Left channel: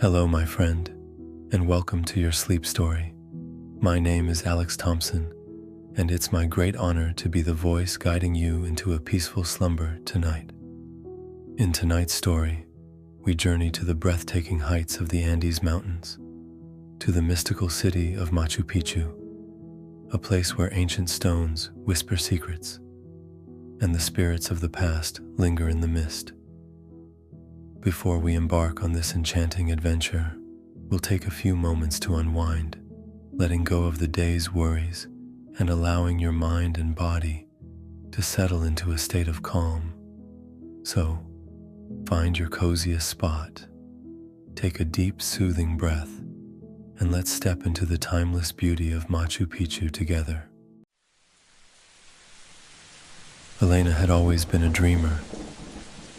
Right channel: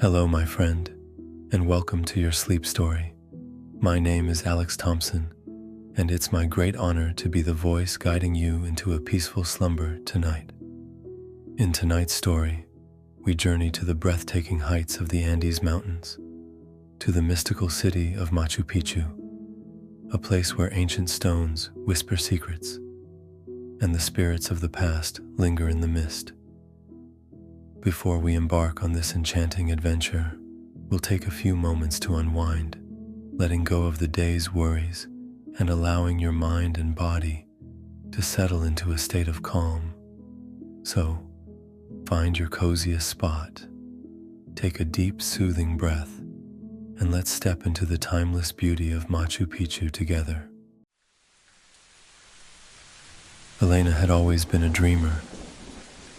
Hello, my friend, and welcome to your sleep story. My name is Alex Thompson, and it's my great honor to be the voice guiding you into a peaceful slumber tonight. In tonight's story, we journey to the breathtaking heights of the Andes Mountains, to the mystical city of Machu Picchu, a place where ancient stones whisper secrets, and the spirits of the past linger in the mist. Before we embark on this enchanting adventure, we'll take a few moments to unwind, letting go of the day's worries and allowing your mind and body to settle into a state of calm. So, find your coziest spot, take a deep, soothing breath, and let's step into the timeless beauty of Machu Picchu together. Elena had always been a dreamer.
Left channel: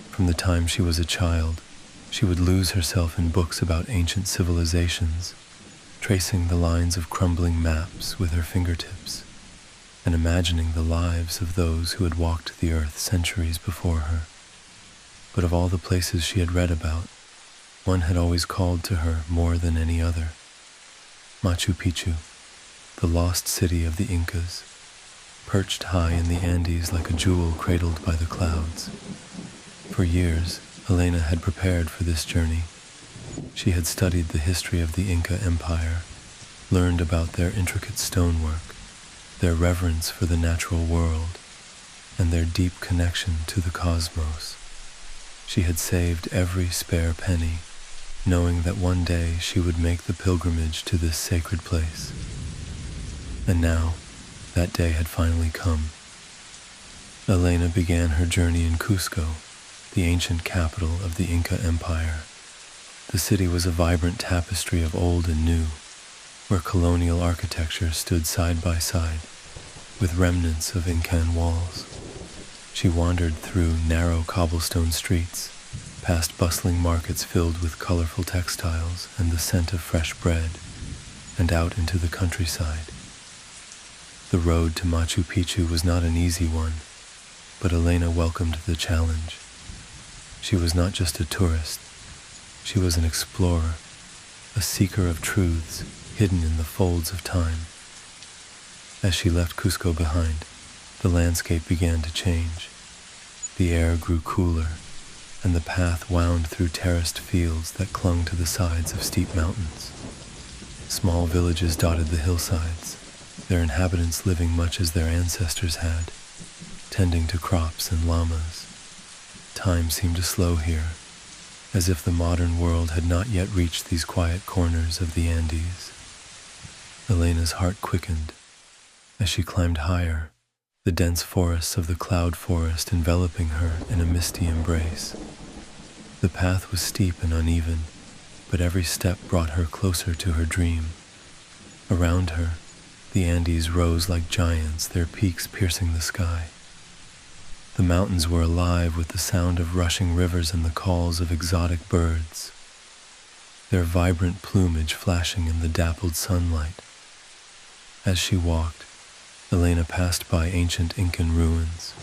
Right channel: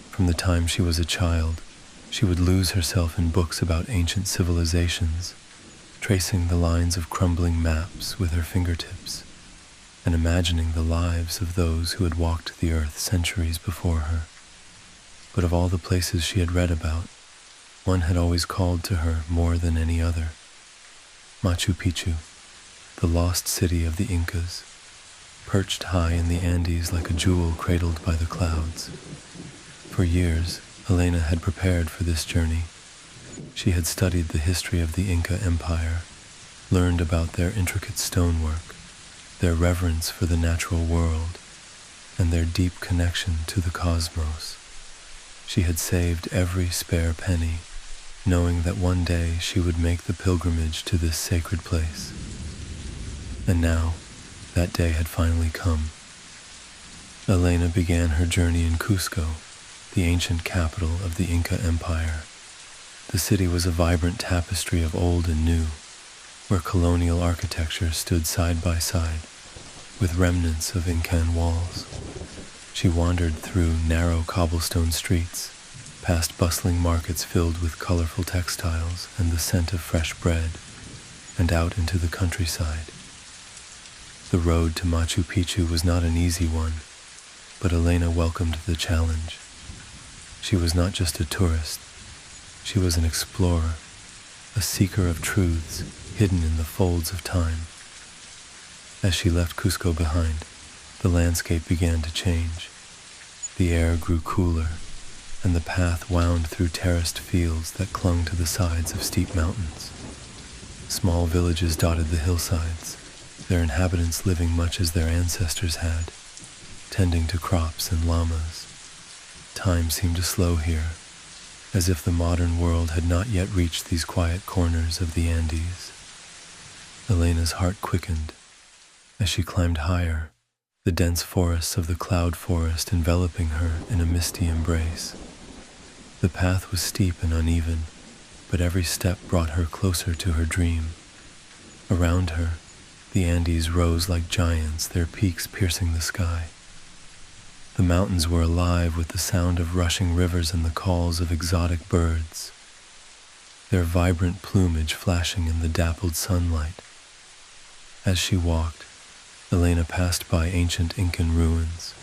From the time she was a child, she would lose herself in books about ancient civilizations, tracing the lines of crumbling maps with her fingertips, and imagining the lives of those who had walked the earth centuries before her. But of all the places she had read about, one had always called to her more than any other: Machu Picchu, the lost city of the Incas, perched high in the Andes like a jewel cradled by the clouds. For years, Elena had prepared for this journey. She had studied the history of the Inca Empire, learned about their intricate stonework, their reverence for the natural world, and their deep connection to the cosmos. She had saved every spare penny, knowing that one day she would make the pilgrimage to this sacred place. And now, that day had finally come. Elena began her journey in Cusco, the ancient capital of the Inca Empire. The city was a vibrant tapestry of old and new, where colonial architecture stood side by side, with remnants of Incan walls. She wandered through narrow cobblestone streets, past bustling markets filled with colorful textiles and the scent of fresh bread, and out into the countryside. The road to Machu Picchu was not an easy one, but Elena welcomed the challenge. She was not just a tourist, she was an explorer, a seeker of truths hidden in the folds of time. As she left Cusco behind, the landscape began to change. The air grew cooler, and the path wound through terraced fields that clung to the sides of steep mountains. Small villages dotted the hillsides, their inhabitants living much as their ancestors had, tending to crops and llamas. Time seemed to slow here, as if the modern world had not yet reached these quiet corners of the Andes. Elena's heart quickened. As she climbed higher, the dense forests of the cloud forest enveloping her in a misty embrace. The path was steep and uneven, but every step brought her closer to her dream. Around her, the Andes rose like giants, their peaks piercing the sky. The mountains were alive with the sound of rushing rivers and the calls of exotic birds, their vibrant plumage flashing in the dappled sunlight. As she walked, Elena passed by ancient Incan ruins,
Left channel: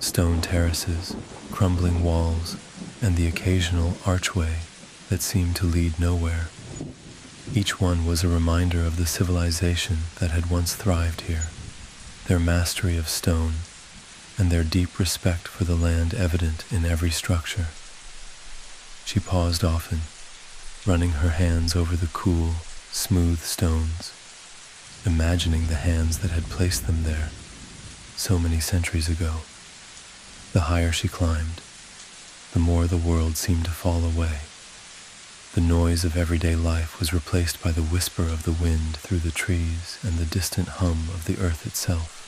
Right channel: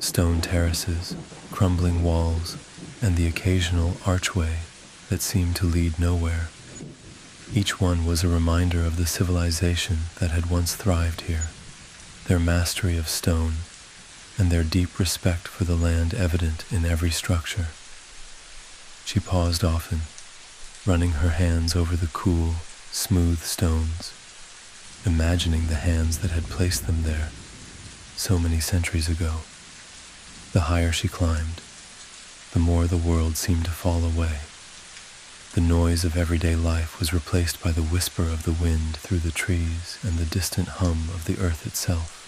stone terraces, crumbling walls, and the occasional archway that seemed to lead nowhere. Each one was a reminder of the civilization that had once thrived here, their mastery of stone, and their deep respect for the land evident in every structure. She paused often, running her hands over the cool, smooth stones, imagining the hands that had placed them there so many centuries ago. The higher she climbed, the more the world seemed to fall away. The noise of everyday life was replaced by the whisper of the wind through the trees and the distant hum of the earth itself.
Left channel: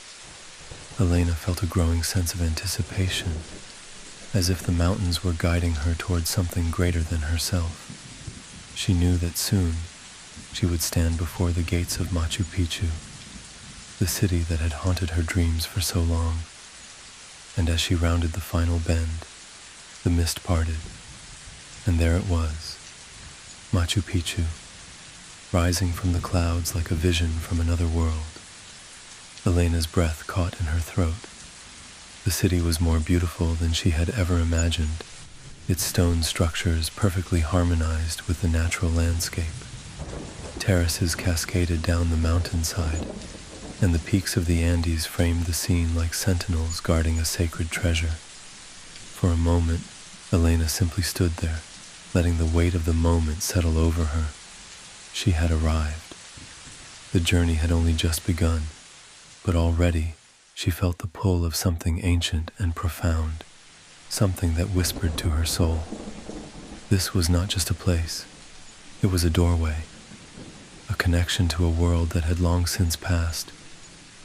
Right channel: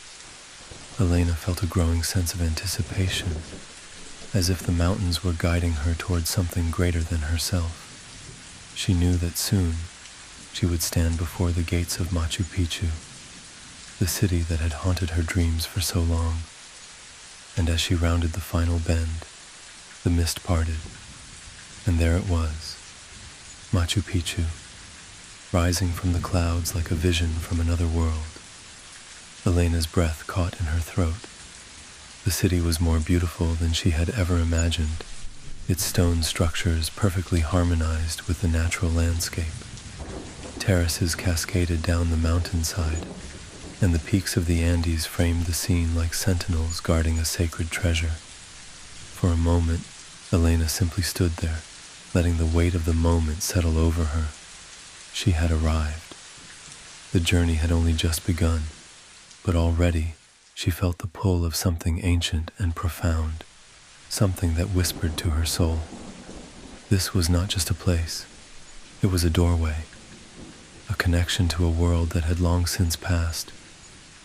Elena felt a growing sense of anticipation, as if the mountains were guiding her towards something greater than herself. She knew that soon she would stand before the gates of Machu Picchu, the city that had haunted her dreams for so long. And as she rounded the final bend, the mist parted, and there it was, Machu Picchu, rising from the clouds like a vision from another world. Elena's breath caught in her throat. The city was more beautiful than she had ever imagined, its stone structures perfectly harmonized with the natural landscape. Terraces cascaded down the mountainside, and the peaks of the Andes framed the scene like sentinels guarding a sacred treasure. For a moment, Elena simply stood there, letting the weight of the moment settle over her. She had arrived. The journey had only just begun, but already she felt the pull of something ancient and profound, something that whispered to her soul. This was not just a place, it was a doorway, a connection to a world that had long since passed,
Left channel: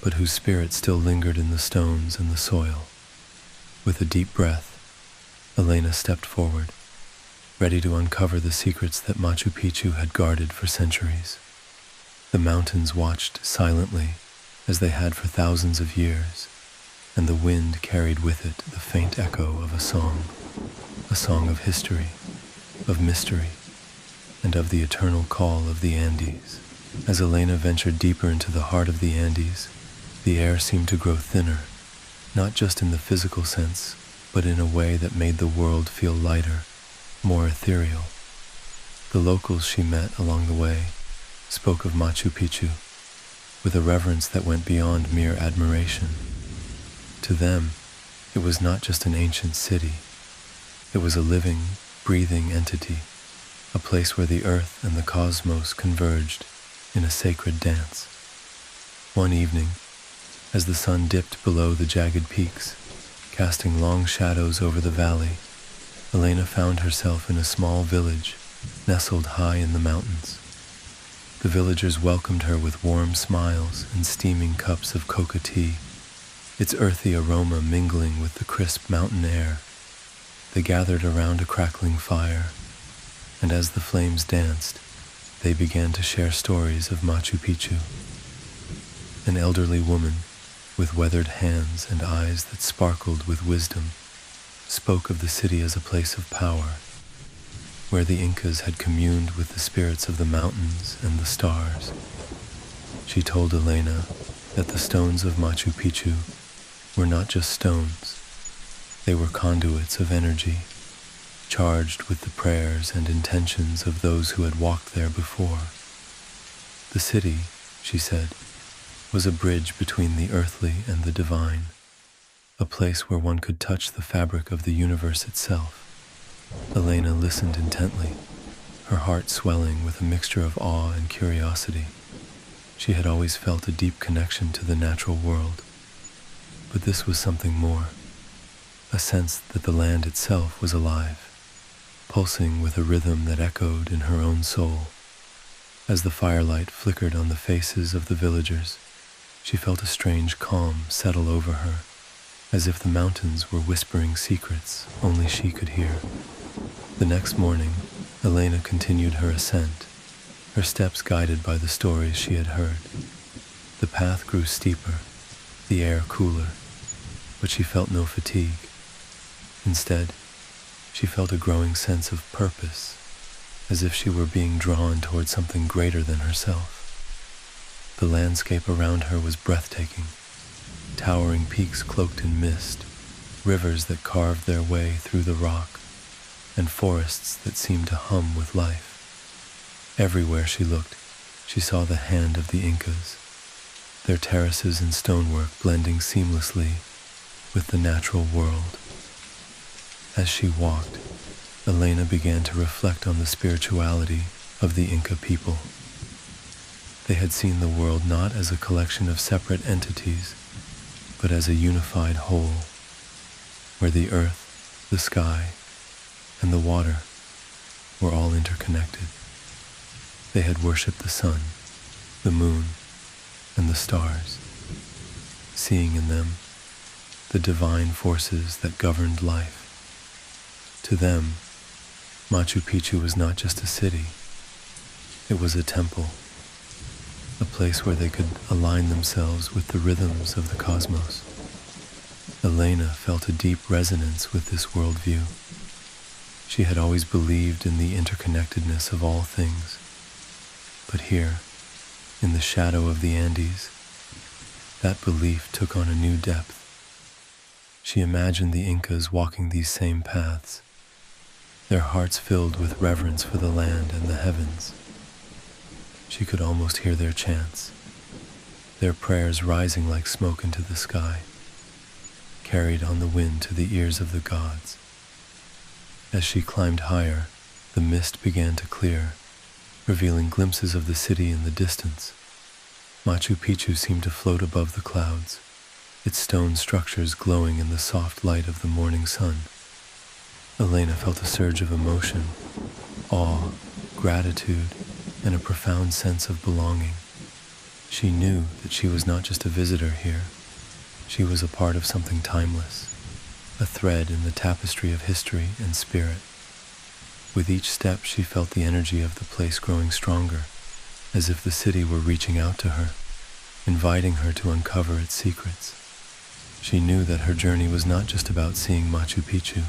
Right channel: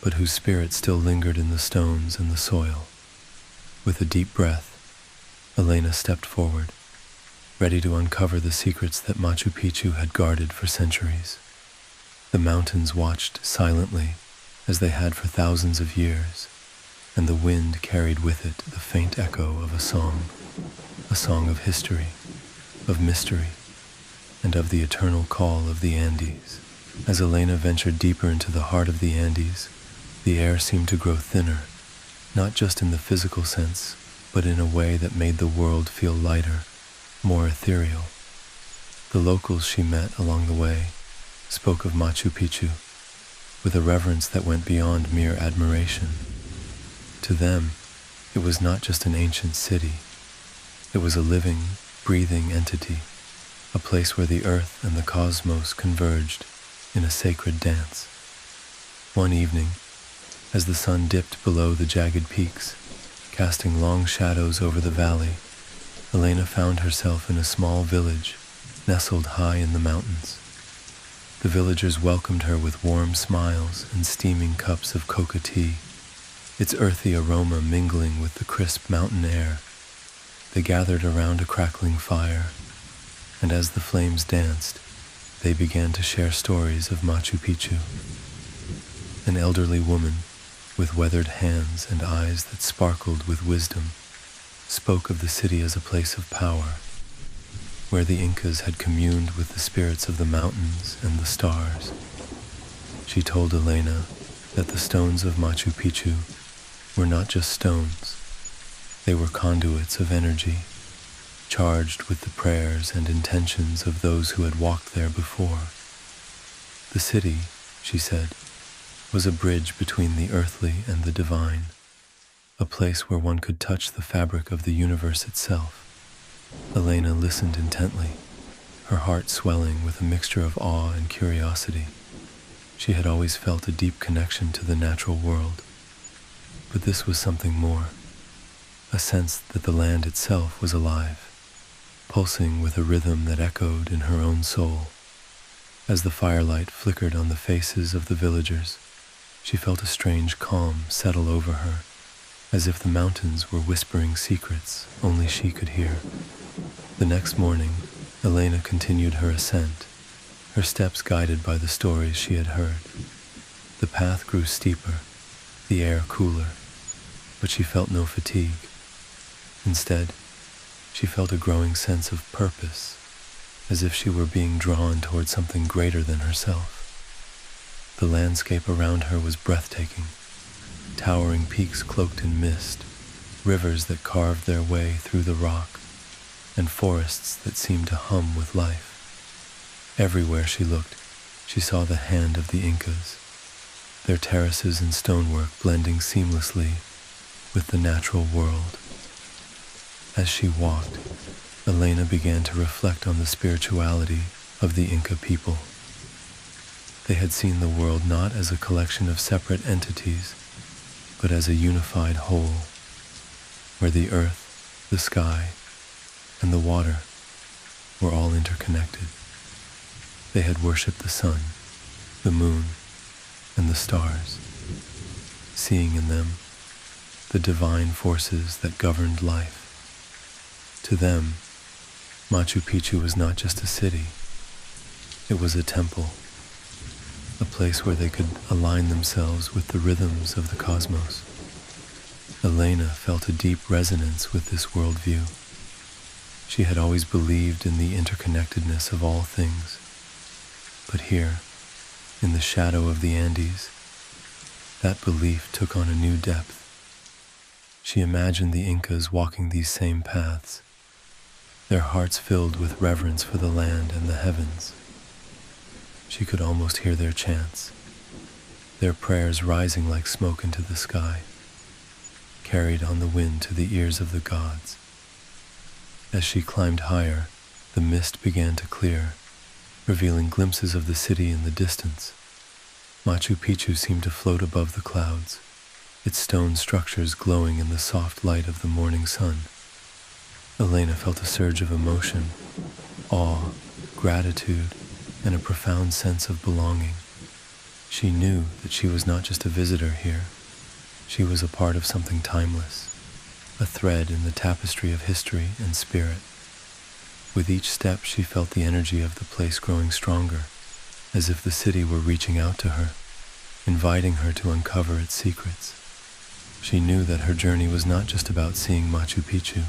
but whose spirit still lingered in the stones and the soil. With a deep breath, Elena stepped forward, ready to uncover the secrets that Machu Picchu had guarded for centuries. The mountains watched silently, as they had for thousands of years, and the wind carried with it the faint echo of a song of history, of mystery, and of the eternal call of the Andes. As Elena ventured deeper into the heart of the Andes, the air seemed to grow thinner, not just in the physical sense, but in a way that made the world feel lighter, more ethereal. The locals she met along the way spoke of Machu Picchu with a reverence that went beyond mere admiration. To them, it was not just an ancient city. It was a living, breathing entity, a place where the earth and the cosmos converged in a sacred dance. One evening, as the sun dipped below the jagged peaks, casting long shadows over the valley, Elena found herself in a small village nestled high in the mountains. The villagers welcomed her with warm smiles and steaming cups of coca tea, its earthy aroma mingling with the crisp mountain air. They gathered around a crackling fire, and as the flames danced, they began to share stories of Machu Picchu. An elderly woman, with weathered hands and eyes that sparkled with wisdom, spoke of the city as a place of power, where the Incas had communed with the spirits of the mountains and the stars. She told Elena that the stones of Machu Picchu were not just stones. They were conduits of energy, charged with the prayers and intentions of those who had walked there before. The city, she said, was a bridge between the earthly and the divine, a place where one could touch the fabric of the universe itself. Elena listened intently, her heart swelling with a mixture of awe and curiosity. She had always felt a deep connection to the natural world, but this was something more, a sense that the land itself was alive, pulsing with a rhythm that echoed in her own soul. As the firelight flickered on the faces of the villagers, she felt a strange calm settle over her, as if the mountains were whispering secrets only she could hear. The next morning, Elena continued her ascent, her steps guided by the stories she had heard. The path grew steeper, the air cooler, but she felt no fatigue. Instead, she felt a growing sense of purpose, as if she were being drawn toward something greater than herself. The landscape around her was breathtaking, towering peaks cloaked in mist, rivers that carved their way through the rock, and forests that seemed to hum with life. Everywhere she looked, she saw the hand of the Incas, their terraces and stonework blending seamlessly with the natural world. As she walked, Elena began to reflect on the spirituality of the Inca people. They had seen the world not as a collection of separate entities, but as a unified whole, where the earth, the sky, and the water were all interconnected. They had worshipped the sun, the moon, and the stars, seeing in them the divine forces that governed life. To them, Machu Picchu was not just a city, it was a temple, a place where they could align themselves with the rhythms of the cosmos. Elena felt a deep resonance with this worldview. She had always believed in the interconnectedness of all things, but here, in the shadow of the Andes, that belief took on a new depth. She imagined the Incas walking these same paths, their hearts filled with reverence for the land and the heavens. She could almost hear their chants, their prayers rising like smoke into the sky, carried on the wind to the ears of the gods. As she climbed higher, the mist began to clear, revealing glimpses of the city in the distance. Machu Picchu seemed to float above the clouds, its stone structures glowing in the soft light of the morning sun. Elena felt a surge of emotion, awe, gratitude, and a profound sense of belonging. She knew that she was not just a visitor here. She was a part of something timeless, a thread in the tapestry of history and spirit. With each step, she felt the energy of the place growing stronger, as if the city were reaching out to her, inviting her to uncover its secrets. She knew that her journey was not just about seeing Machu Picchu.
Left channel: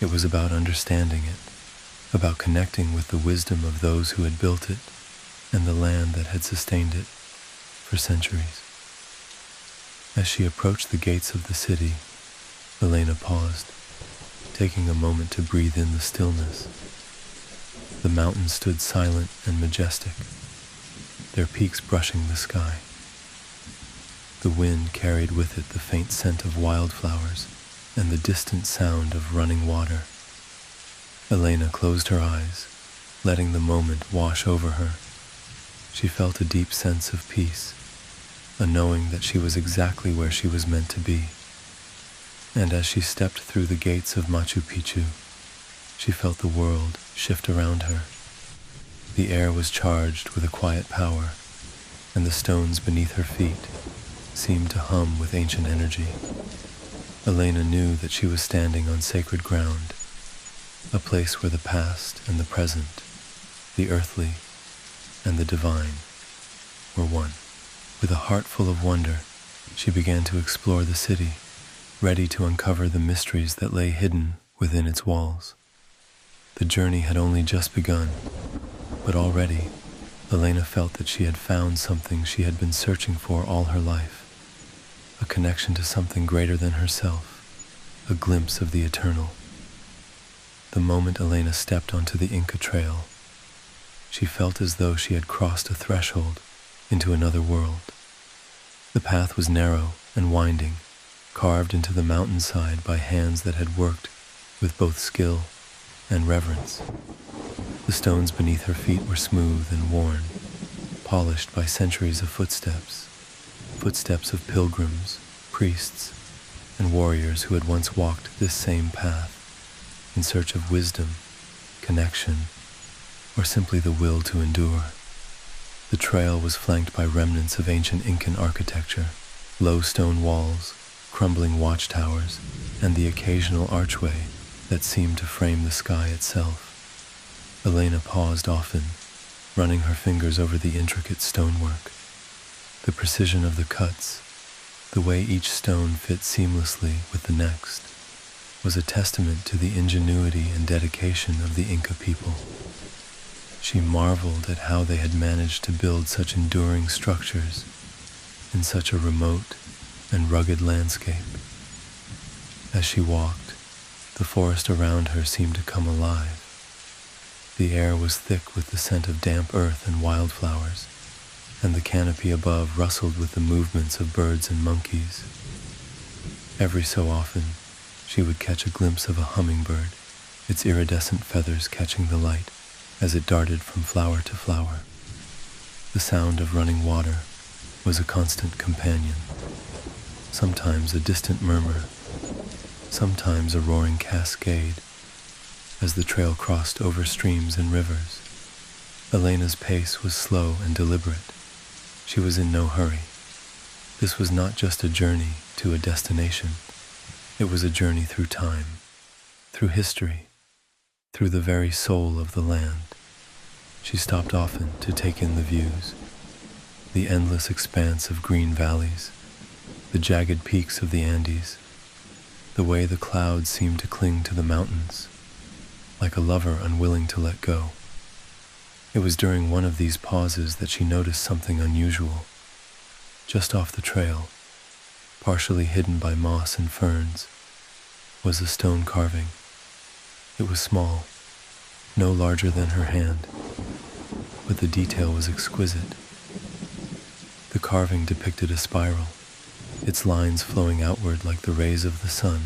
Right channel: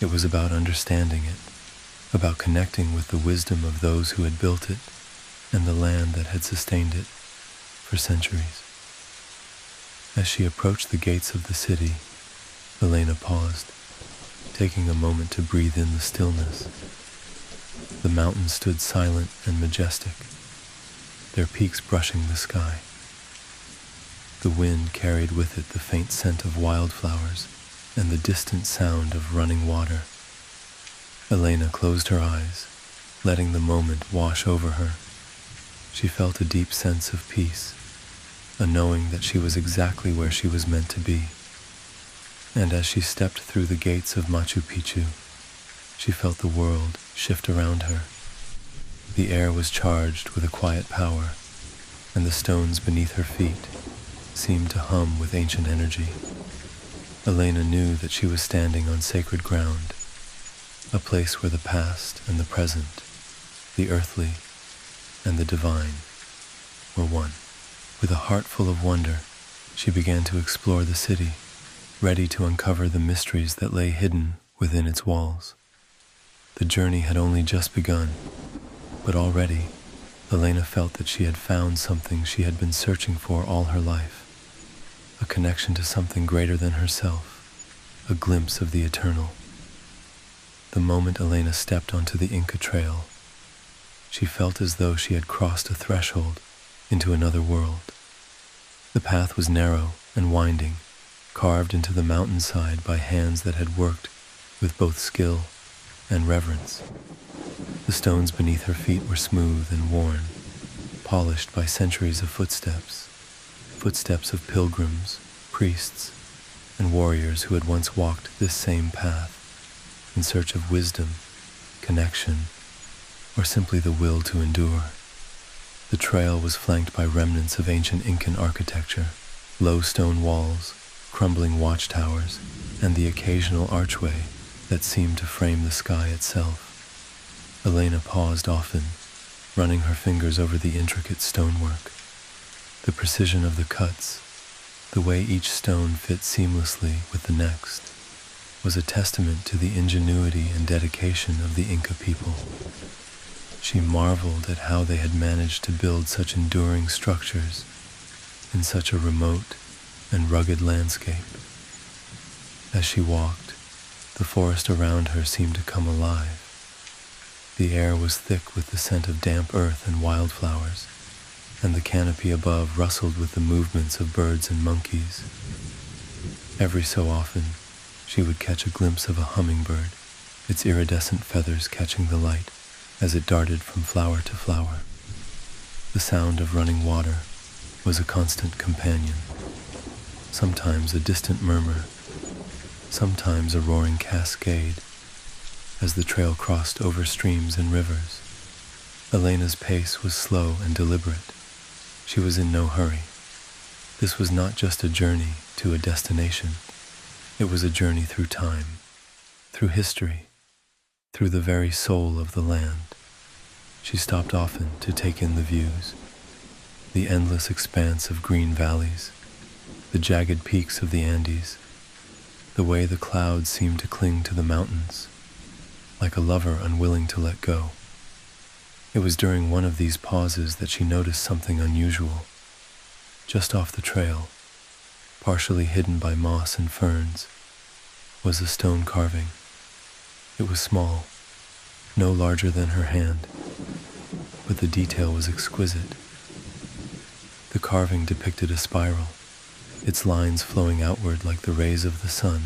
It was about understanding it, about connecting with the wisdom of those who had built it and the land that had sustained it for centuries. As she approached the gates of the city, Elena paused, taking a moment to breathe in the stillness. The mountains stood silent and majestic, their peaks brushing the sky. The wind carried with it the faint scent of wildflowers and the distant sound of running water. Elena closed her eyes, letting the moment wash over her. She felt a deep sense of peace, a knowing that she was exactly where she was meant to be. And as she stepped through the gates of Machu Picchu, she felt the world shift around her. The air was charged with a quiet power, and the stones beneath her feet seemed to hum with ancient energy. Elena knew that she was standing on sacred ground, a place where the past and the present, the earthly and the divine, were one. With a heart full of wonder, she began to explore the city, ready to uncover the mysteries that lay hidden within its walls. The journey had only just begun, but already Elena felt that she had found something she had been searching for all her life, a connection to something greater than herself, a glimpse of the eternal. The moment Elena stepped onto the Inca Trail, she felt as though she had crossed a threshold into another world. The path was narrow and winding, carved into the mountainside by hands that had worked with both skill and reverence. The stones beneath her feet were smooth and worn, polished by centuries of footsteps of pilgrims, priests, and warriors who had once walked this same path in search of wisdom, connection, or simply the will to endure. The trail was flanked by remnants of ancient Incan architecture, low stone walls, crumbling watchtowers, and the occasional archway that seemed to frame the sky itself. Elena paused often, running her fingers over the intricate stonework. The precision of the cuts, the way each stone fit seamlessly with the next, was a testament to the ingenuity and dedication of the Inca people. She marveled at how they had managed to build such enduring structures in such a remote and rugged landscape. As she walked, the forest around her seemed to come alive. The air was thick with the scent of damp earth and wildflowers, and the canopy above rustled with the movements of birds and monkeys. Every so often, she would catch a glimpse of a hummingbird, its iridescent feathers catching the light as it darted from flower to flower. The sound of running water was a constant companion, sometimes a distant murmur, sometimes a roaring cascade, as the trail crossed over streams and rivers. Elena's pace was slow and deliberate. She was in no hurry. This was not just a journey to a destination. It was a journey through time, through history, through the very soul of the land. She stopped often to take in the views, the endless expanse of green valleys, the jagged peaks of the Andes, the way the clouds seemed to cling to the mountains, like a lover unwilling to let go. It was during one of these pauses that she noticed something unusual. Just off the trail, partially hidden by moss and ferns, was a stone carving. It was small, no larger than her hand, but the detail was exquisite. The carving depicted a spiral, its lines flowing outward like the rays of the sun.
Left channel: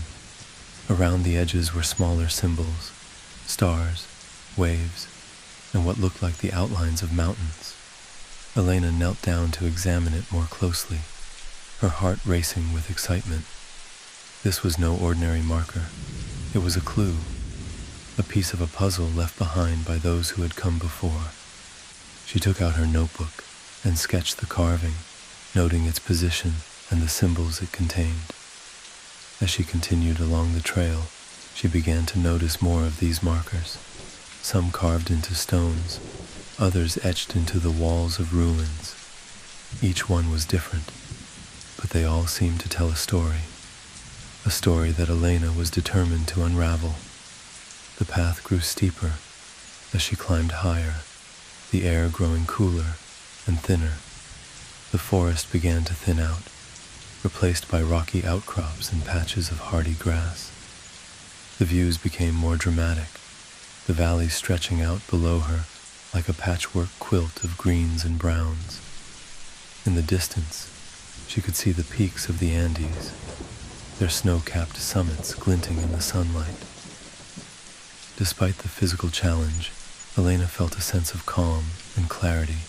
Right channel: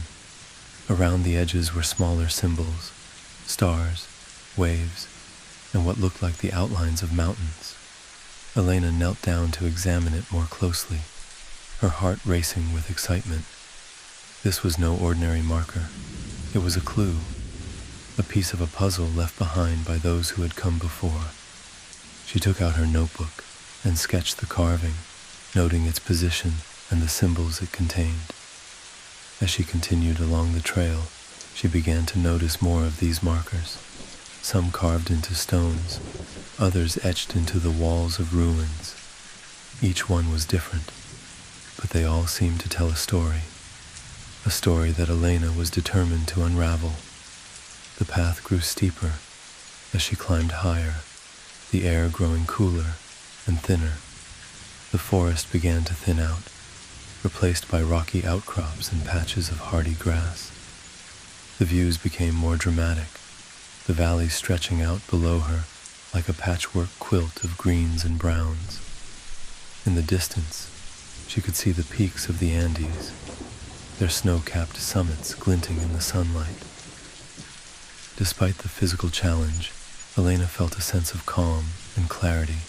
Around the edges were smaller symbols, stars, waves, and what looked like the outlines of mountains. Elena knelt down to examine it more closely, her heart racing with excitement. This was no ordinary marker. It was a clue, a piece of a puzzle left behind by those who had come before. She took out her notebook and sketched the carving, noting its position and the symbols it contained. As she continued along the trail, she began to notice more of these markers, some carved into stones, others etched into the walls of ruins. Each one was different, but they all seemed to tell a story that Elena was determined to unravel. The path grew steeper as she climbed higher, the air growing cooler and thinner. The forest began to thin out, replaced by rocky outcrops and patches of hardy grass. The views became more dramatic, the valley stretching out below her like a patchwork quilt of greens and browns. In the distance, she could see the peaks of the Andes, their snow-capped summits glinting in the sunlight. Despite the physical challenge, Elena felt a sense of calm and clarity.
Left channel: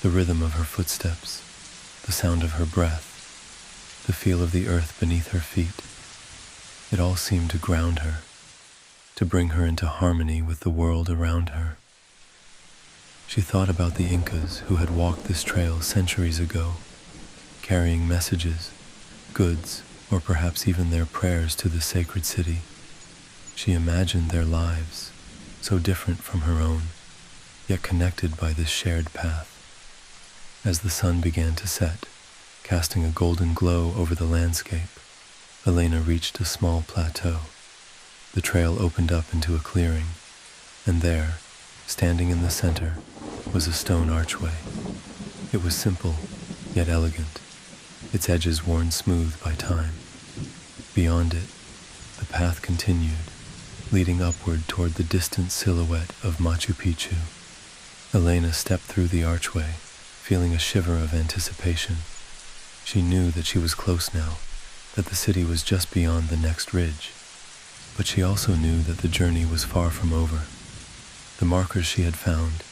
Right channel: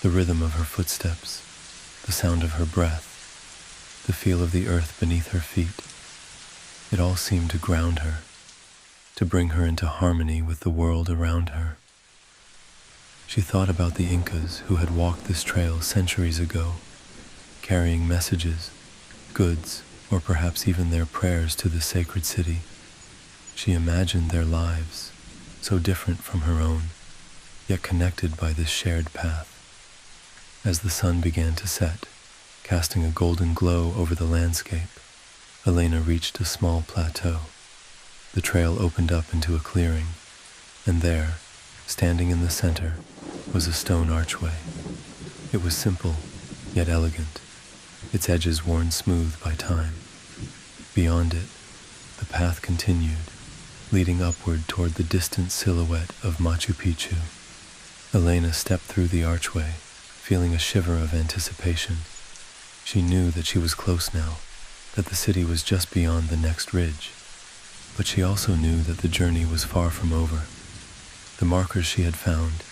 The rhythm of her footsteps, the sound of her breath, the feel of the earth beneath her feet, it all seemed to ground her, to bring her into harmony with the world around her. She thought about the Incas who had walked this trail centuries ago, carrying messages, goods, or perhaps even their prayers to the sacred city. She imagined their lives, so different from her own, yet connected by this shared path. As the sun began to set, casting a golden glow over the landscape, Elena reached a small plateau. The trail opened up into a clearing, and there, standing in the center, was a stone archway. It was simple, yet elegant, its edges worn smooth by time. Beyond it, the path continued, leading upward toward the distant silhouette of Machu Picchu. Elena stepped through the archway, feeling a shiver of anticipation. She knew that she was close now, that the city was just beyond the next ridge. But she also knew that the journey was far from over. The markers she had found,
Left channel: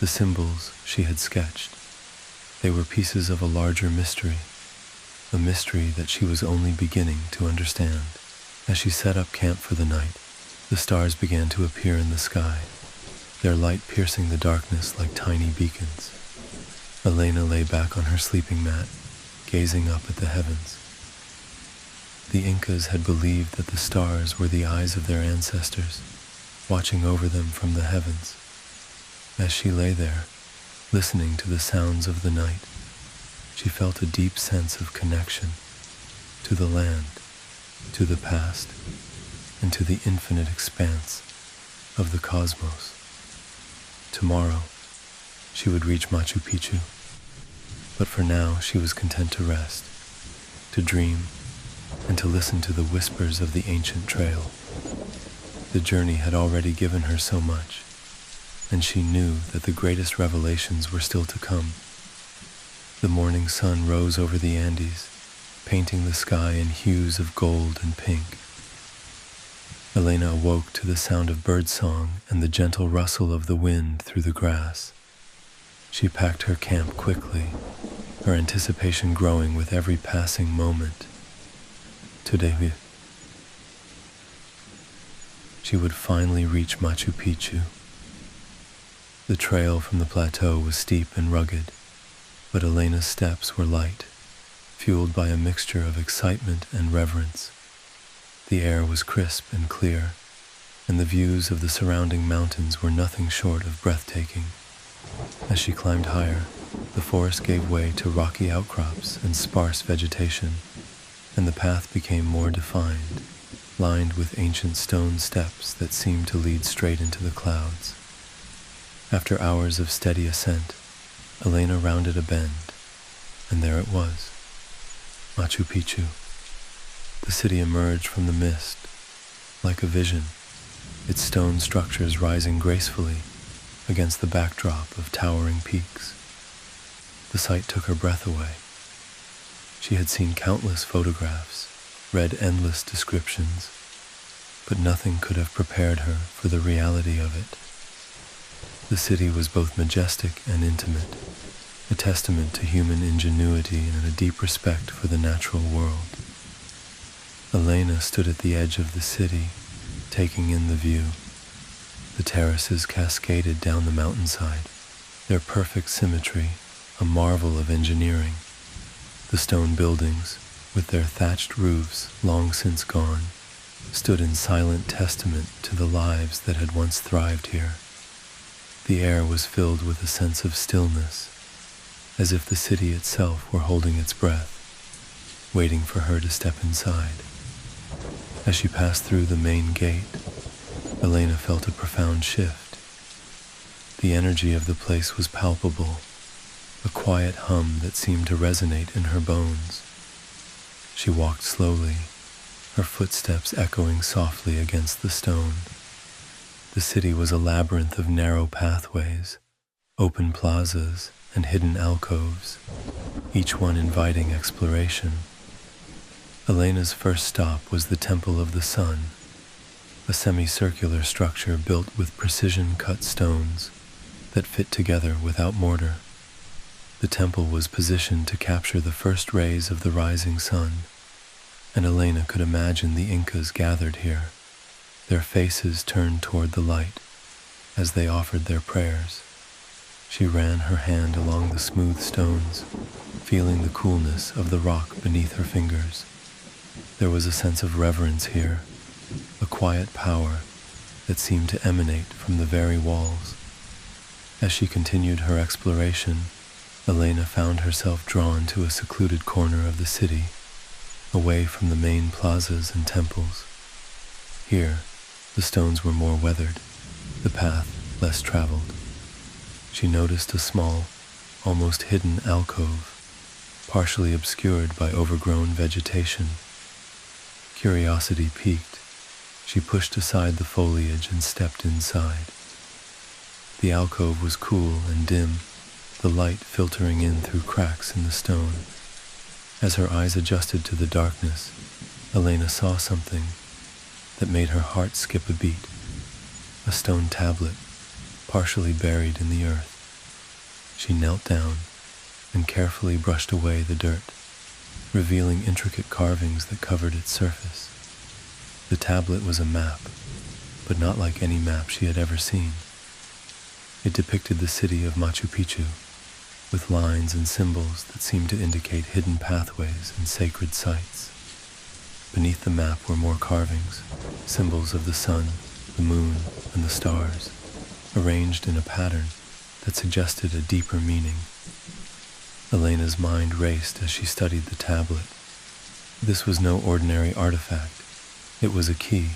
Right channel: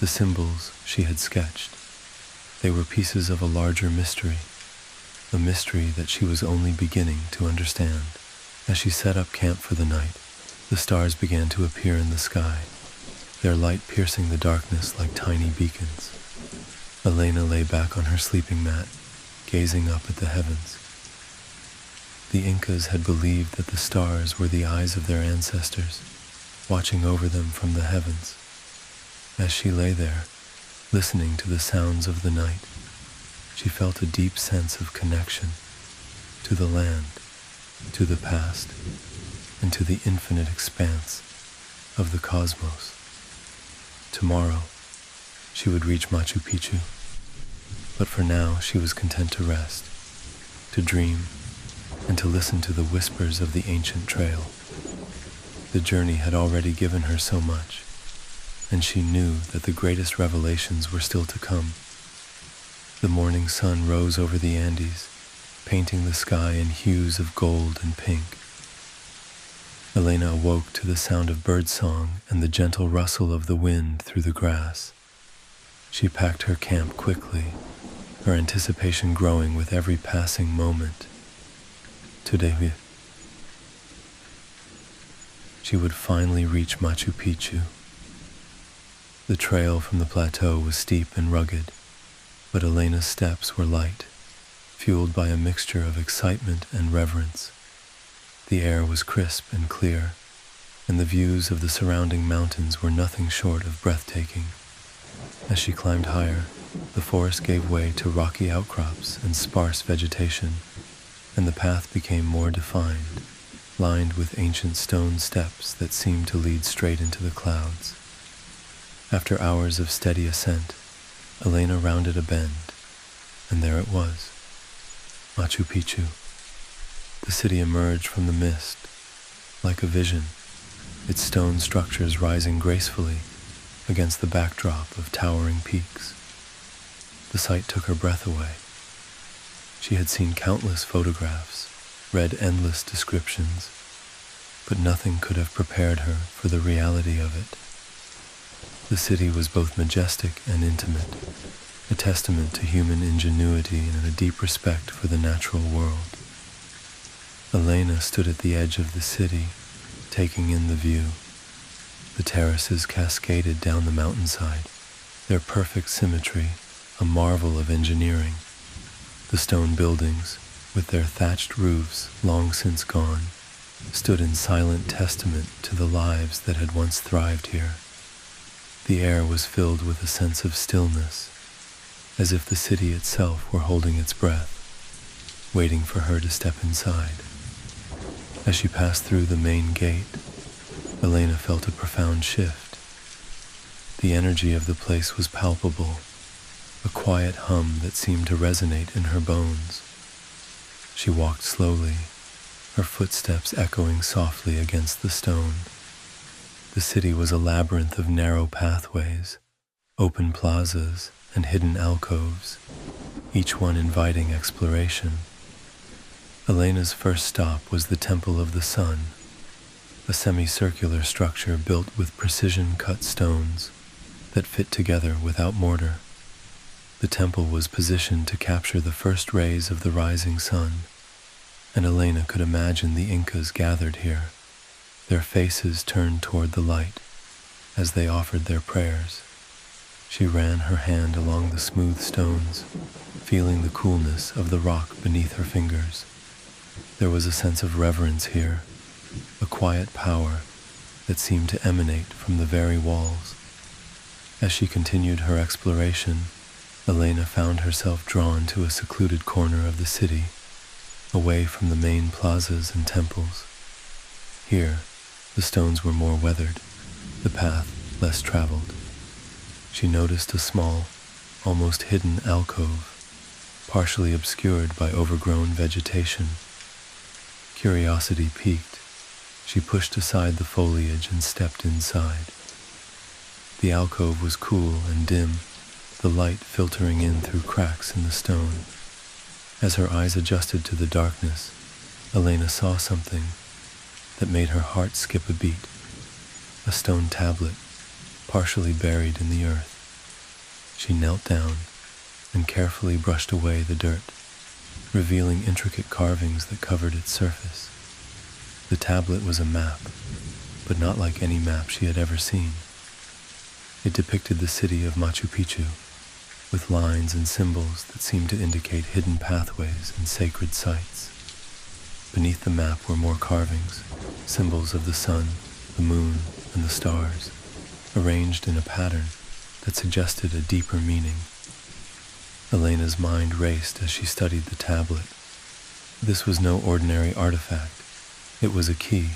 the symbols she had sketched, they were pieces of a larger mystery, a mystery that she was only beginning to understand. As she set up camp for the night, the stars began to appear in the sky, their light piercing the darkness like tiny beacons. Elena lay back on her sleeping mat, gazing up at the heavens. The Incas had believed that the stars were the eyes of their ancestors, watching over them from the heavens. As she lay there, listening to the sounds of the night, she felt a deep sense of connection to the land, to the past, and to the infinite expanse of the cosmos. Tomorrow, she would reach Machu Picchu, but for now she was content to rest, to dream, and to listen to the whispers of the ancient trail. The journey had already given her so much, and she knew that the greatest revelations were still to come. The morning sun rose over the Andes, painting the sky in hues of gold and pink. Elena awoke to the sound of birdsong and the gentle rustle of the wind through the grass. She packed her camp quickly, her anticipation growing with every passing moment. Today, she would finally reach Machu Picchu. The trail from the plateau was steep and rugged, but Elena's steps were light, fueled by a mixture of excitement and reverence. The air was crisp and clear, and the views of the surrounding mountains were nothing short of breathtaking. As she climbed higher, the forest gave way to rocky outcrops and sparse vegetation, and the path became more defined, lined with ancient stone steps that seemed to lead straight into the clouds. After hours of steady ascent, Elena rounded a bend, and there it was, Machu Picchu. The city emerged from the mist, like a vision, its stone structures rising gracefully against the backdrop of towering peaks. The sight took her breath away. She had seen countless photographs, read endless descriptions, but nothing could have prepared her for the reality of it. The city was both majestic and intimate, a testament to human ingenuity and a deep respect for the natural world. Elena stood at the edge of the city, taking in the view. The terraces cascaded down the mountainside, their perfect symmetry a marvel of engineering. The stone buildings, with their thatched roofs long since gone, stood in silent testament to the lives that had once thrived here. The air was filled with a sense of stillness, as if the city itself were holding its breath, waiting for her to step inside. As she passed through the main gate, Elena felt a profound shift. The energy of the place was palpable, a quiet hum that seemed to resonate in her bones. She walked slowly, her footsteps echoing softly against the stone. The city was a labyrinth of narrow pathways, open plazas, and hidden alcoves, each one inviting exploration. Elena's first stop was the Temple of the Sun, a semicircular structure built with precision-cut stones that fit together without mortar. The temple was positioned to capture the first rays of the rising sun, and Elena could imagine the Incas gathered here, their faces turned toward the light as they offered their prayers. She ran her hand along the smooth stones, feeling the coolness of the rock beneath her fingers. There was a sense of reverence here, a quiet power that seemed to emanate from the very walls. As she continued her exploration, Elena found herself drawn to a secluded corner of the city, away from the main plazas and temples. Here, the stones were more weathered, the path less traveled. She noticed a small, almost hidden alcove, partially obscured by overgrown vegetation. Curiosity piqued. She pushed aside the foliage and stepped inside. The alcove was cool and dim, the light filtering in through cracks in the stone. As her eyes adjusted to the darkness, Elena saw something that made her heart skip a beat. A stone tablet, partially buried in the earth. She knelt down and carefully brushed away the dirt, revealing intricate carvings that covered its surface. The tablet was a map, but not like any map she had ever seen. It depicted the city of Machu Picchu, with lines and symbols that seemed to indicate hidden pathways and sacred sites. Beneath the map were more carvings, symbols of the sun, the moon, and the stars, arranged in a pattern that suggested a deeper meaning. Elena's mind raced as she studied the tablet. This was no ordinary artifact. It was a key,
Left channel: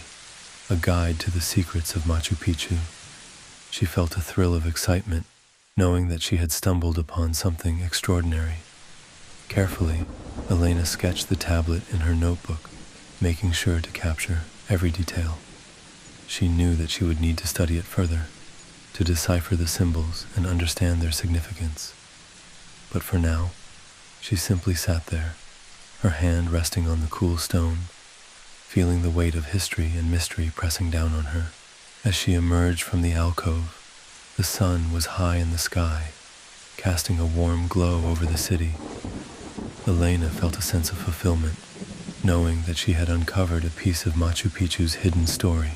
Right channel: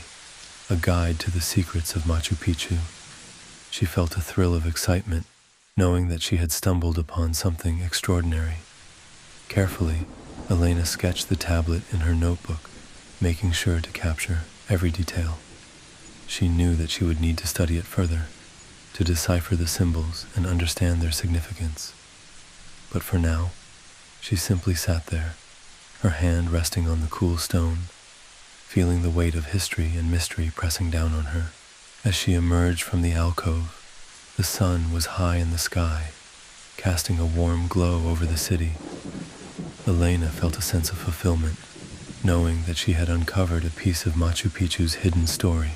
a guide to the secrets of Machu Picchu. She felt a thrill of excitement, knowing that she had stumbled upon something extraordinary. Carefully, Elena sketched the tablet in her notebook, making sure to capture every detail. She knew that she would need to study it further, to decipher the symbols and understand their significance. But for now, she simply sat there, her hand resting on the cool stone, feeling the weight of history and mystery pressing down on her. As she emerged from the alcove, the sun was high in the sky, casting a warm glow over the city. Elena felt a sense of fulfillment, knowing that she had uncovered a piece of Machu Picchu's hidden story.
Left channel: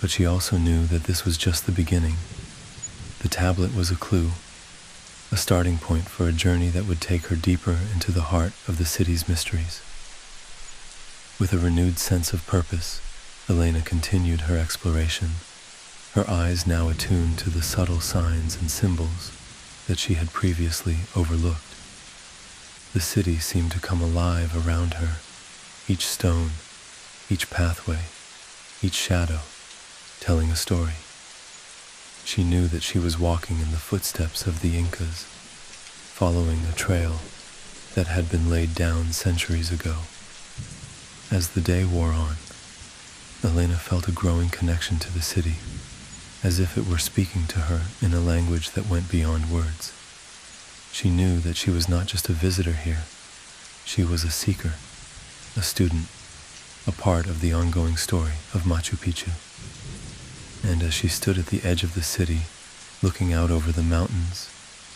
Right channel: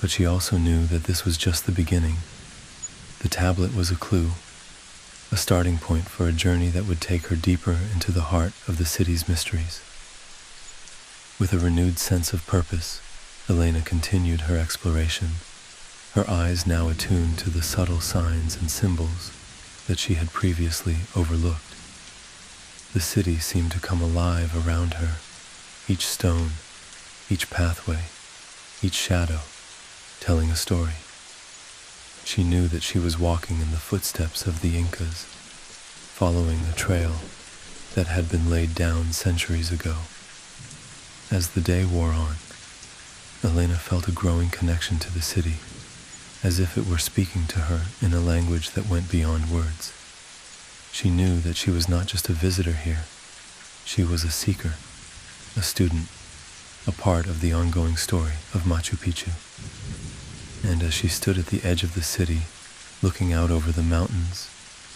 But she also knew that this was just the beginning. The tablet was a clue, a starting point for a journey that would take her deeper into the heart of the city's mysteries. With a renewed sense of purpose, Elena continued her exploration, her eyes now attuned to the subtle signs and symbols that she had previously overlooked. The city seemed to come alive around her, each stone, each pathway, each shadow, telling a story. She knew that she was walking in the footsteps of the Incas, following a trail that had been laid down centuries ago. As the day wore on, Elena felt a growing connection to the city, as if it were speaking to her in a language that went beyond words. She knew that she was not just a visitor here. She was a seeker, a student, a part of the ongoing story of Machu Picchu. And as she stood at the edge of the city, looking out over the mountains,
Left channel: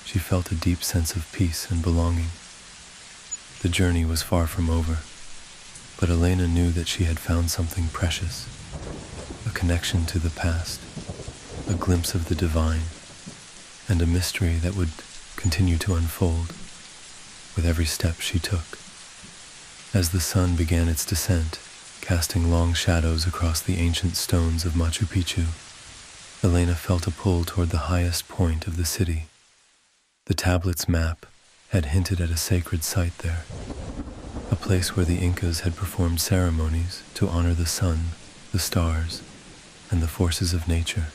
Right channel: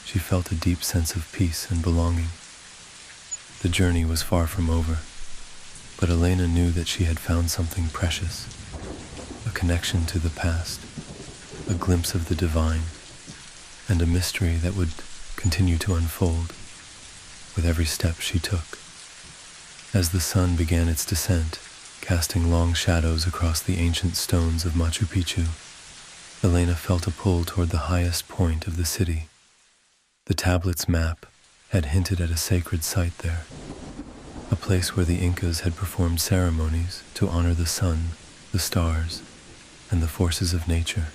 she felt a deep sense of peace and belonging. The journey was far from over, but Elena knew that she had found something precious, a connection to the past, a glimpse of the divine, and a mystery that would continue to unfold with every step she took. As the sun began its descent, casting long shadows across the ancient stones of Machu Picchu, Elena felt a pull toward the highest point of the city. The tablet's map had hinted at a sacred site there, a place where the Incas had performed ceremonies to honor the sun, the stars, and the forces of nature.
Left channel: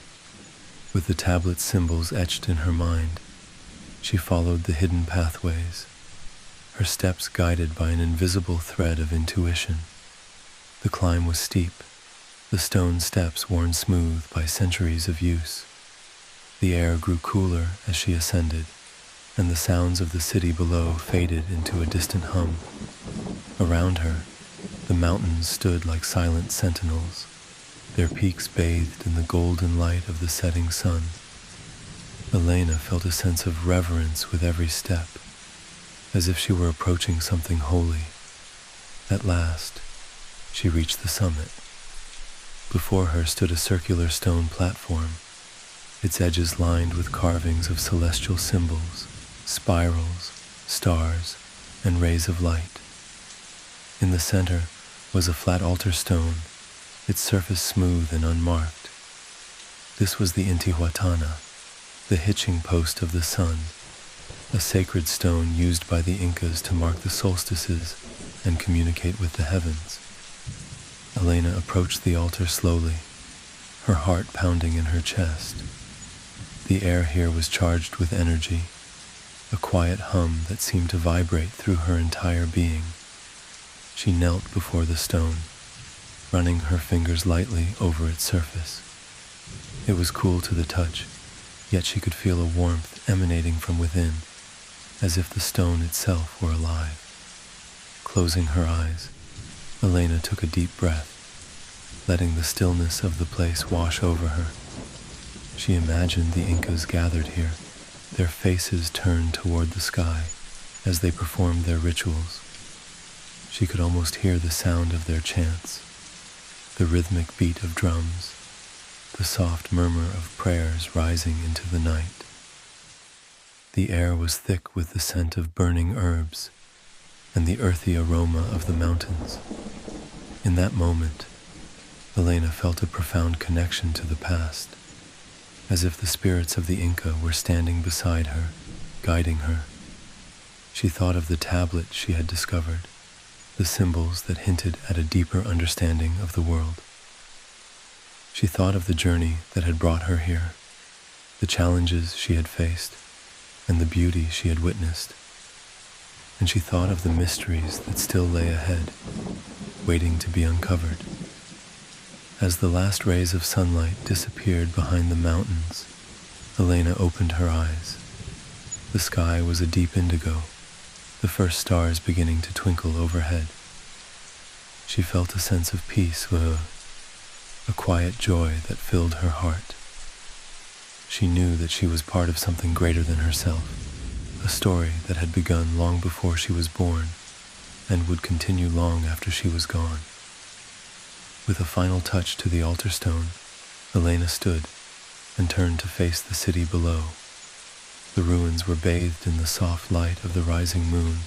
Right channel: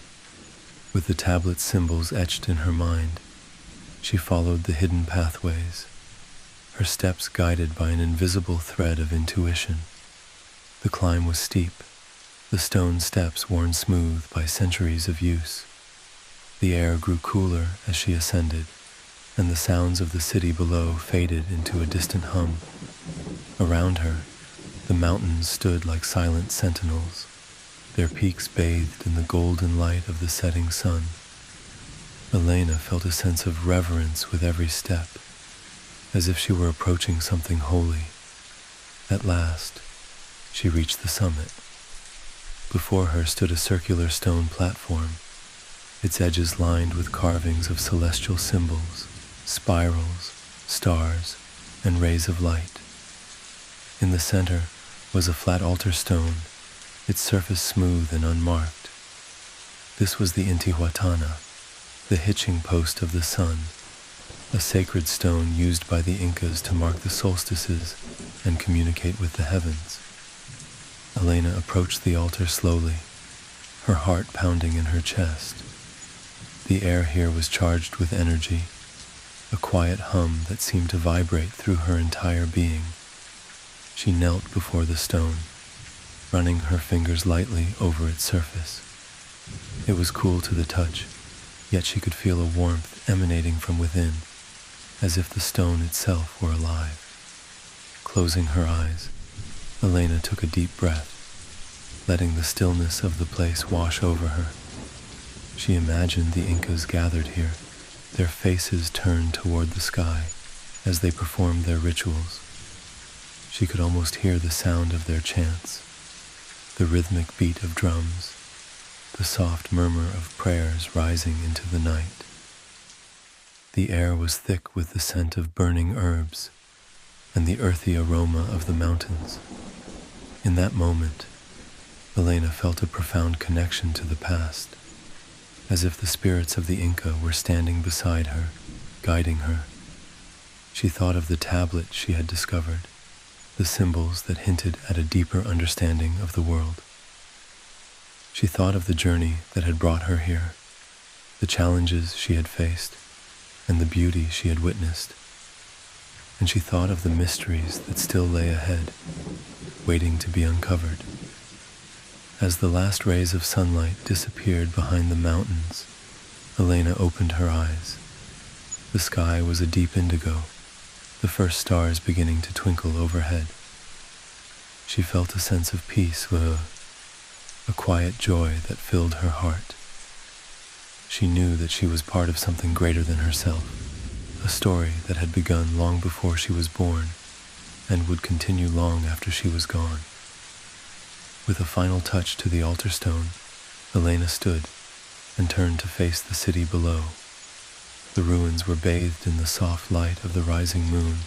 With the tablet's symbols etched in her mind, she followed the hidden pathways, her steps guided by an invisible thread of intuition. The climb was steep, the stone steps worn smooth by centuries of use. The air grew cooler as she ascended, and the sounds of the city below faded into a distant hum. Around her, the mountains stood like silent sentinels, their peaks bathed in the golden light of the setting sun. Elena felt a sense of reverence with every step, as if she were approaching something holy. At last, she reached the summit. Before her stood a circular stone platform, its edges lined with carvings of celestial symbols, spirals, stars, and rays of light. In the center was a flat altar stone, its surface smooth and unmarked. This was the Intihuatana, the hitching post of the sun, a sacred stone used by the Incas to mark the solstices and communicate with the heavens. Elena approached the altar slowly, her heart pounding in her chest. The air here was charged with energy, a quiet hum that seemed to vibrate through her entire being. She knelt before the stone, running her fingers lightly over its surface. It was cool to the touch, yet she could feel a warmth emanating from within, as if the stone itself were alive. Closing her eyes, Elena took a deep breath, letting the stillness of the place wash over her. She imagined the Incas gathered here, their faces turned toward the sky as they performed their rituals. She could almost hear the sound of their chants, the rhythmic beat of drums, the soft murmur of prayers rising into the night. The air was thick with the scent of burning herbs and the earthy aroma of the mountains. In that moment, Elena felt a profound connection to the past, as if the spirits of the Inca were standing beside her, guiding her. She thought of the tablet she had discovered, the symbols that hinted at a deeper understanding of the world. She thought of the journey that had brought her here, the challenges she had faced, and the beauty she had witnessed. And she thought of the mysteries that still lay ahead, waiting to be uncovered. As the last rays of sunlight disappeared behind the mountains, Elena opened her eyes. The sky was a deep indigo, the first stars beginning to twinkle overhead. She felt a sense of peace, a quiet joy that filled her heart. She knew that she was part of something greater than herself, a story that had begun long before she was born and would continue long after she was gone. With a final touch to the altar stone, Elena stood and turned to face the city below. The ruins were bathed in the soft light of the rising moon,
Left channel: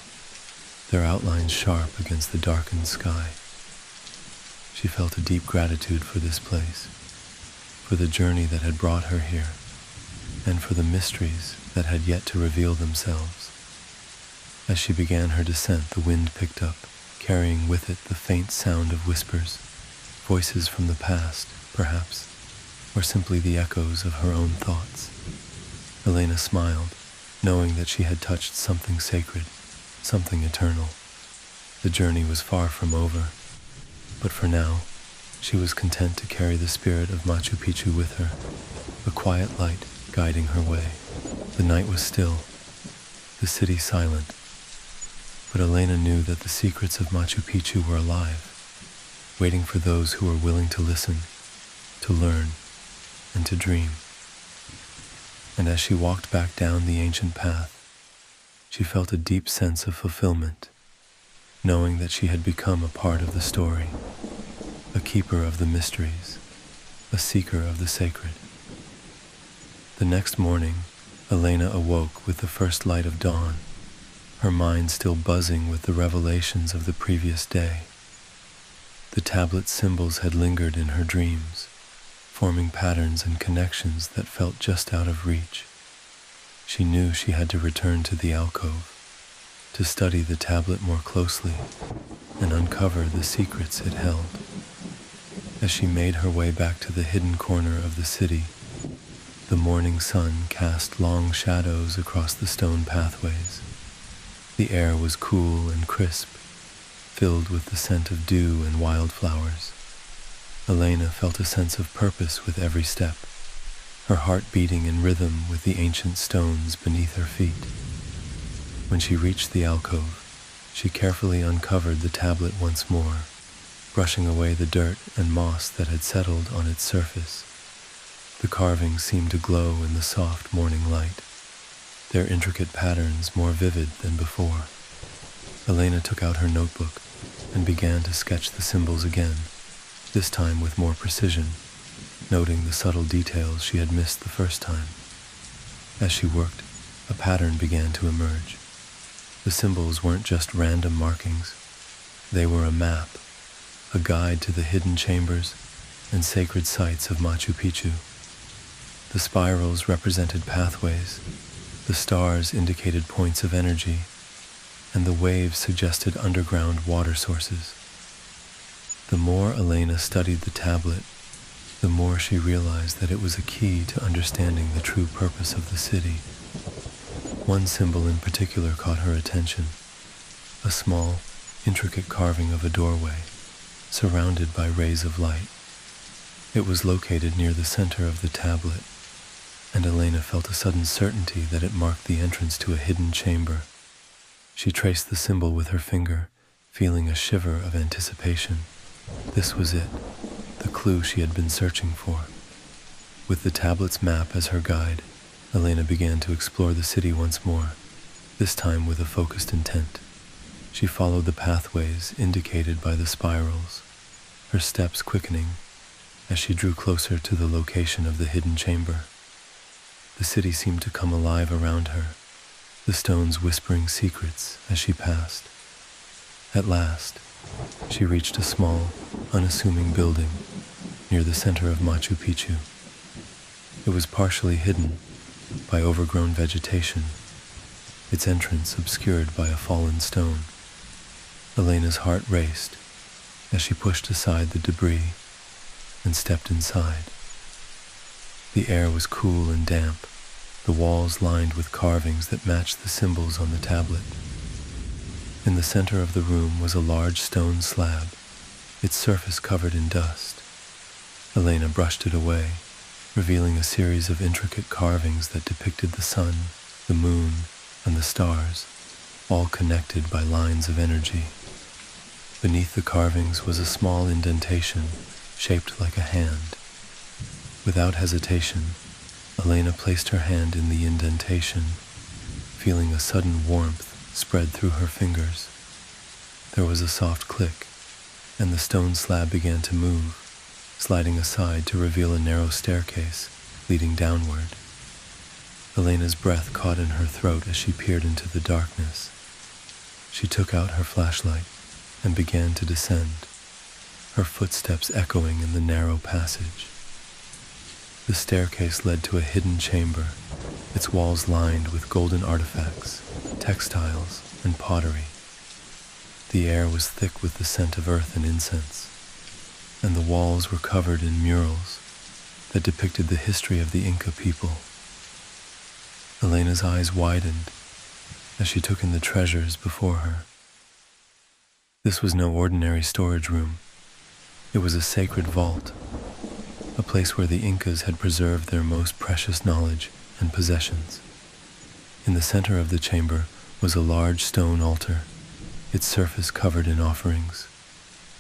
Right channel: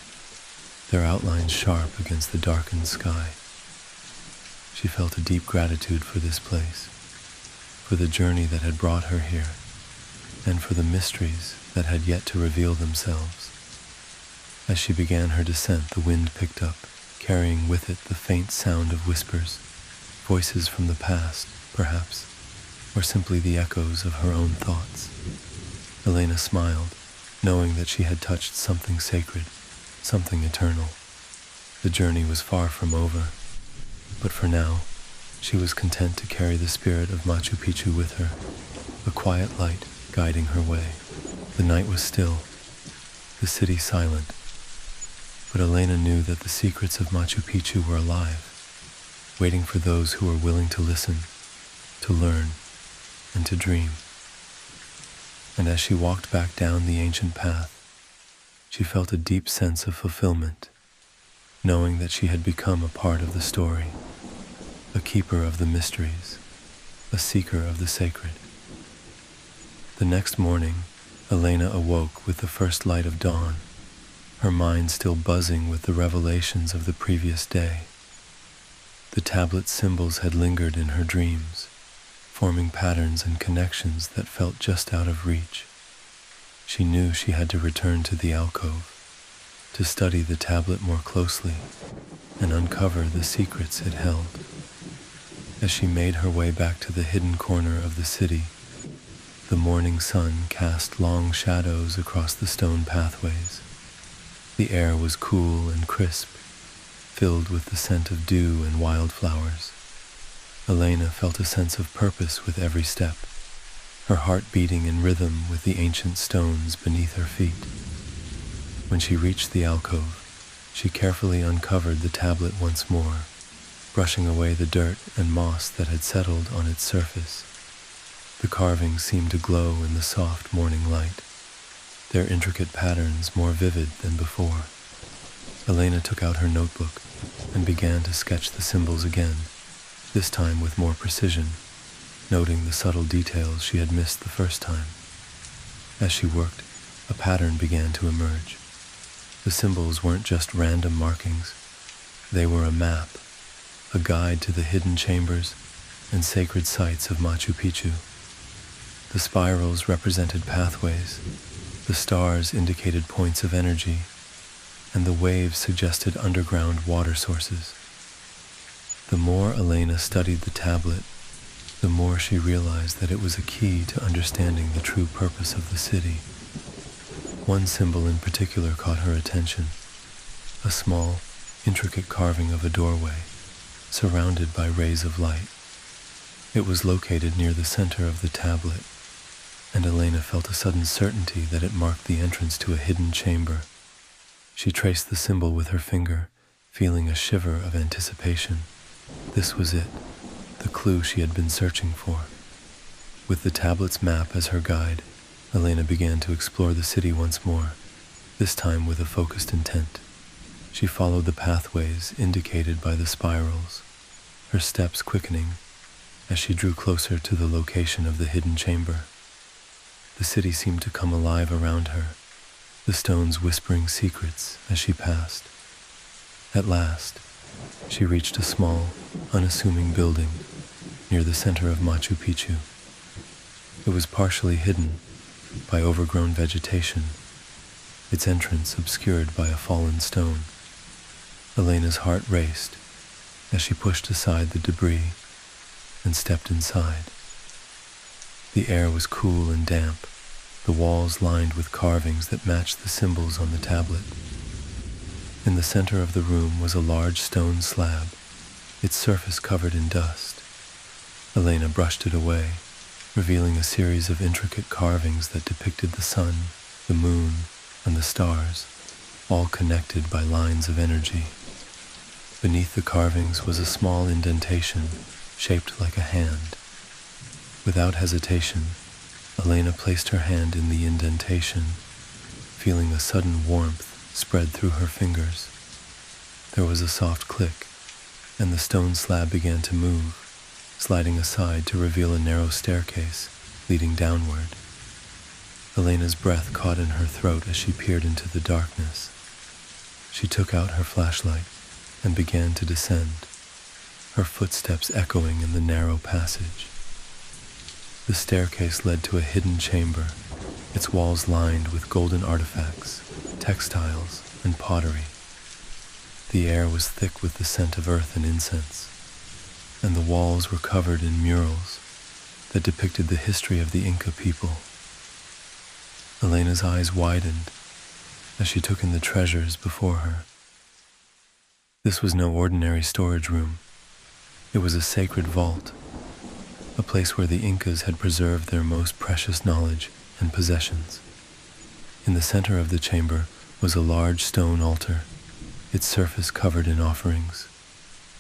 their outlines sharp against the darkened sky. She felt a deep gratitude for this place, for the journey that had brought her here, and for the mysteries that had yet to reveal themselves. As she began her descent, the wind picked up, carrying with it the faint sound of whispers, voices from the past, perhaps, or simply the echoes of her own thoughts. Elena smiled, knowing that she had touched something sacred, something eternal. The journey was far from over, but for now, She was content to carry the spirit of Machu Picchu with her, a quiet light guiding her way. The night was still, the city silent, but Elena knew that the secrets of Machu Picchu were alive, waiting for those who were willing to listen, to learn, and to dream. And as she walked back down the ancient path, she felt a deep sense of fulfillment, knowing that she had become a part of the story, a keeper of the mysteries, a seeker of the sacred. The next morning, Elena awoke with the first light of dawn, her mind still buzzing with the revelations of the previous day. The tablet symbols had lingered in her dreams, forming patterns and connections that felt just out of reach. She knew she had to return to the alcove, to study the tablet more closely and uncover the secrets it held. As she made her way back to the hidden corner of the city, the morning sun cast long shadows across the stone pathways. The air was cool and crisp, filled with the scent of dew and wildflowers. Elena felt a sense of purpose with every step, her heart beating in rhythm with the ancient stones beneath her feet. When she reached the alcove, she carefully uncovered the tablet once more, brushing away the dirt and moss that had settled on its surface. The carvings seemed to glow in the soft morning light, their intricate patterns more vivid than before. Elena took out her notebook and began to sketch the symbols again, this time with more precision, noting the subtle details she had missed the first time. As she worked, a pattern began to emerge. The symbols weren't just random markings. They were a map, a guide to the hidden chambers and sacred sites of Machu Picchu. The spirals represented pathways, the stars indicated points of energy, and the waves suggested underground water sources. The more Elena studied the tablet, the more she realized that it was a key to understanding the true purpose of the city. One symbol in particular caught her attention, a small, intricate carving of a doorway, surrounded by rays of light. It was located near the center of the tablet, and Elena felt a sudden certainty that it marked the entrance to a hidden chamber. She traced the symbol with her finger, feeling a shiver of anticipation. This was it, the clue she had been searching for. With the tablet's map as her guide, Elena began to explore the city once more, this time with a focused intent. She followed the pathways indicated by the spirals, her steps quickening as she drew closer to the location of the hidden chamber. The city seemed to come alive around her, the stones whispering secrets as she passed. At last, she reached a small, unassuming building near the center of Machu Picchu. It was partially hidden by overgrown vegetation, its entrance obscured by a fallen stone. Elena's heart raced as she pushed aside the debris and stepped inside. The air was cool and damp, the walls lined with carvings that matched the symbols on the tablet. In the center of the room was a large stone slab, its surface covered in dust. Elena brushed it away, revealing a series of intricate carvings that depicted the sun, the moon, and the stars, all connected by lines of energy. Beneath the carvings was a small indentation, shaped like a hand. Without hesitation, Elena placed her hand in the indentation, feeling a sudden warmth spread through her fingers. There was a soft click, and the stone slab began to move, sliding aside to reveal a narrow staircase leading downward. Elena's breath caught in her throat as she peered into the darkness. She took out her flashlight and began to descend, her footsteps echoing in the narrow passage. The staircase led to a hidden chamber, its walls lined with golden artifacts, textiles, and pottery. The air was thick with the scent of earth and incense, and the walls were covered in murals that depicted the history of the Inca people. Elena's eyes widened as she took in the treasures before her. This was no ordinary storage room. It was a sacred vault, a place where the Incas had preserved their most precious knowledge and possessions. In the center of the chamber was a large stone altar, its surface covered in offerings,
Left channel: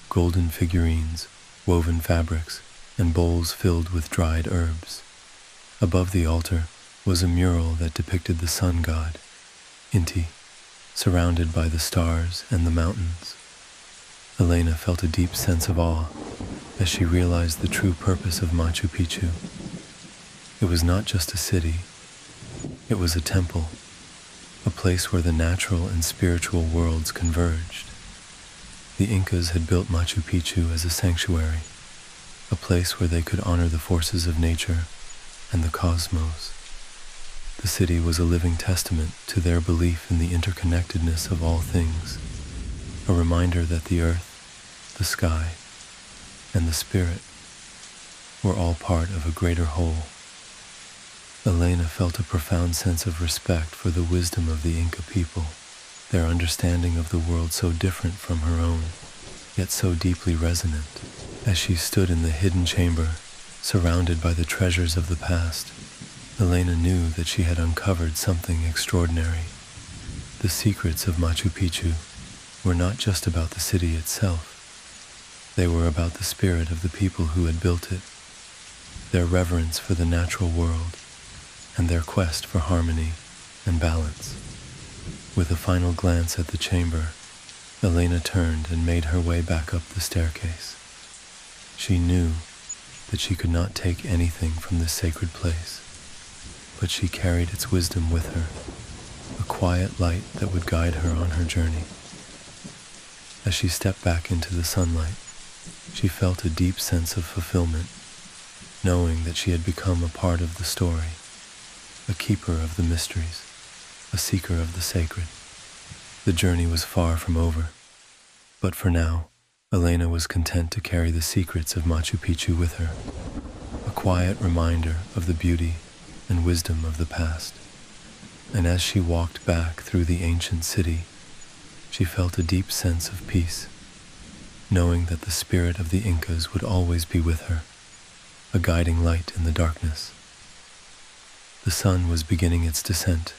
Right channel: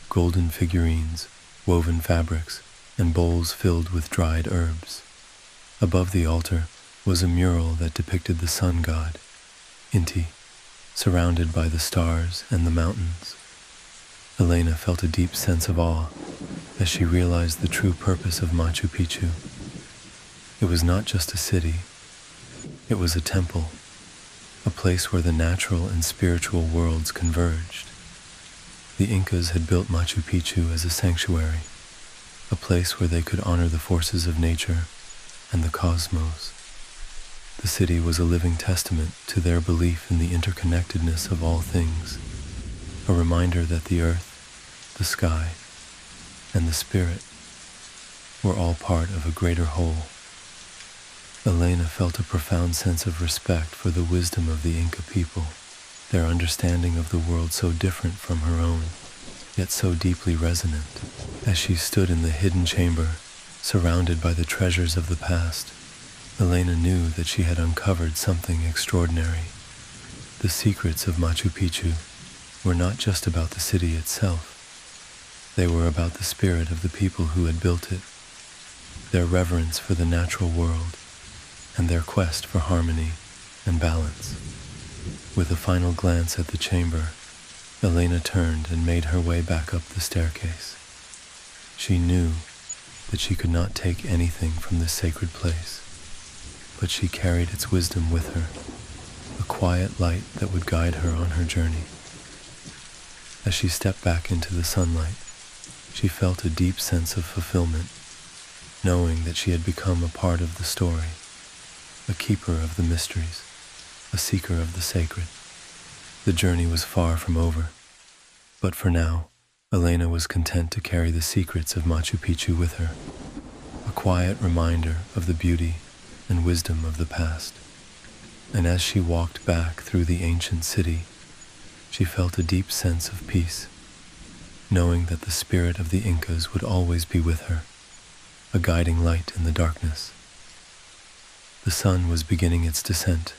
golden figurines, woven fabrics, and bowls filled with dried herbs. Above the altar was a mural that depicted the sun god, Inti, surrounded by the stars and the mountains. Elena felt a deep sense of awe as she realized the true purpose of Machu Picchu. It was not just a city, it was a temple, a place where the natural and spiritual worlds converged. The Incas had built Machu Picchu as a sanctuary, a place where they could honor the forces of nature and the cosmos. The city was a living testament to their belief in the interconnectedness of all things, a reminder that the earth, the sky, and the spirit were all part of a greater whole. Elena felt a profound sense of respect for the wisdom of the Inca people, their understanding of the world so different from her own, yet so deeply resonant. As she stood in the hidden chamber, surrounded by the treasures of the past, Elena knew that she had uncovered something extraordinary. The secrets of Machu Picchu were not just about the city itself. They were about the spirit of the people who had built it, their reverence for the natural world, and their quest for harmony and balance. With a final glance at the chamber, Elena turned and made her way back up the staircase. She knew that she could not take anything from this sacred place, but she carried its wisdom with her, a quiet light that would guide her on her journey. As she stepped back into the sunlight, she felt a deep sense of fulfillment, knowing that she had become a part of the story, a keeper of the mysteries, a seeker of the sacred. The journey was far from over, but for now, Elena was content to carry the secrets of Machu Picchu with her, a quiet reminder of the beauty and wisdom of the past. And as she walked back through the ancient city, she felt a deep sense of peace, knowing that the spirit of the Incas would always be with her, a guiding light in the darkness. The sun was beginning its descent,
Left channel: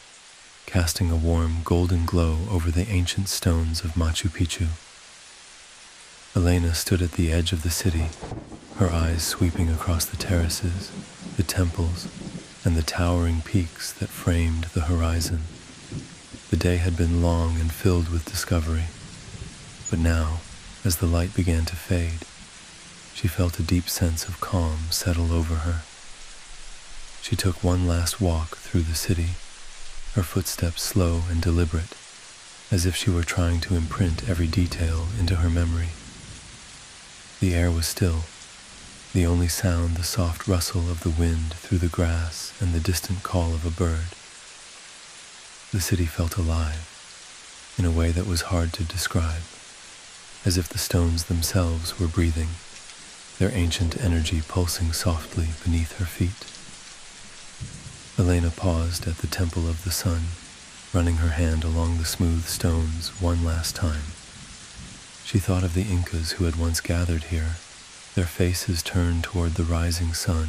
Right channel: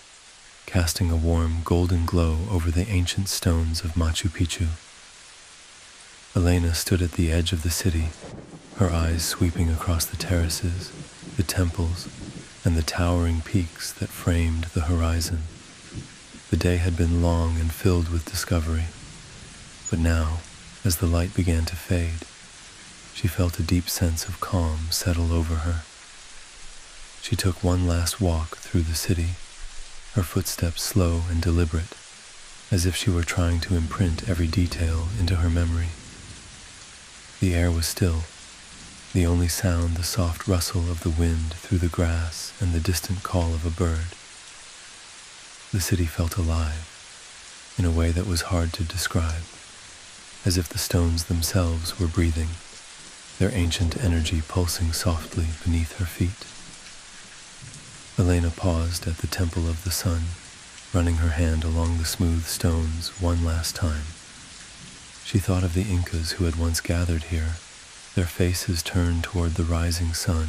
casting a warm golden glow over the ancient stones of Machu Picchu. Elena stood at the edge of the city, her eyes sweeping across the terraces, the temples, and the towering peaks that framed the horizon. The day had been long and filled with discovery, but now, as the light began to fade, she felt a deep sense of calm settle over her. She took one last walk through the city, her footsteps slow and deliberate, as if she were trying to imprint every detail into her memory. The air was still, the only sound the soft rustle of the wind through the grass and the distant call of a bird. The city felt alive, in a way that was hard to describe, as if the stones themselves were breathing, their ancient energy pulsing softly beneath her feet. Elena paused at the Temple of the Sun, running her hand along the smooth stones one last time. She thought of the Incas who had once gathered here, their faces turned toward the rising sun,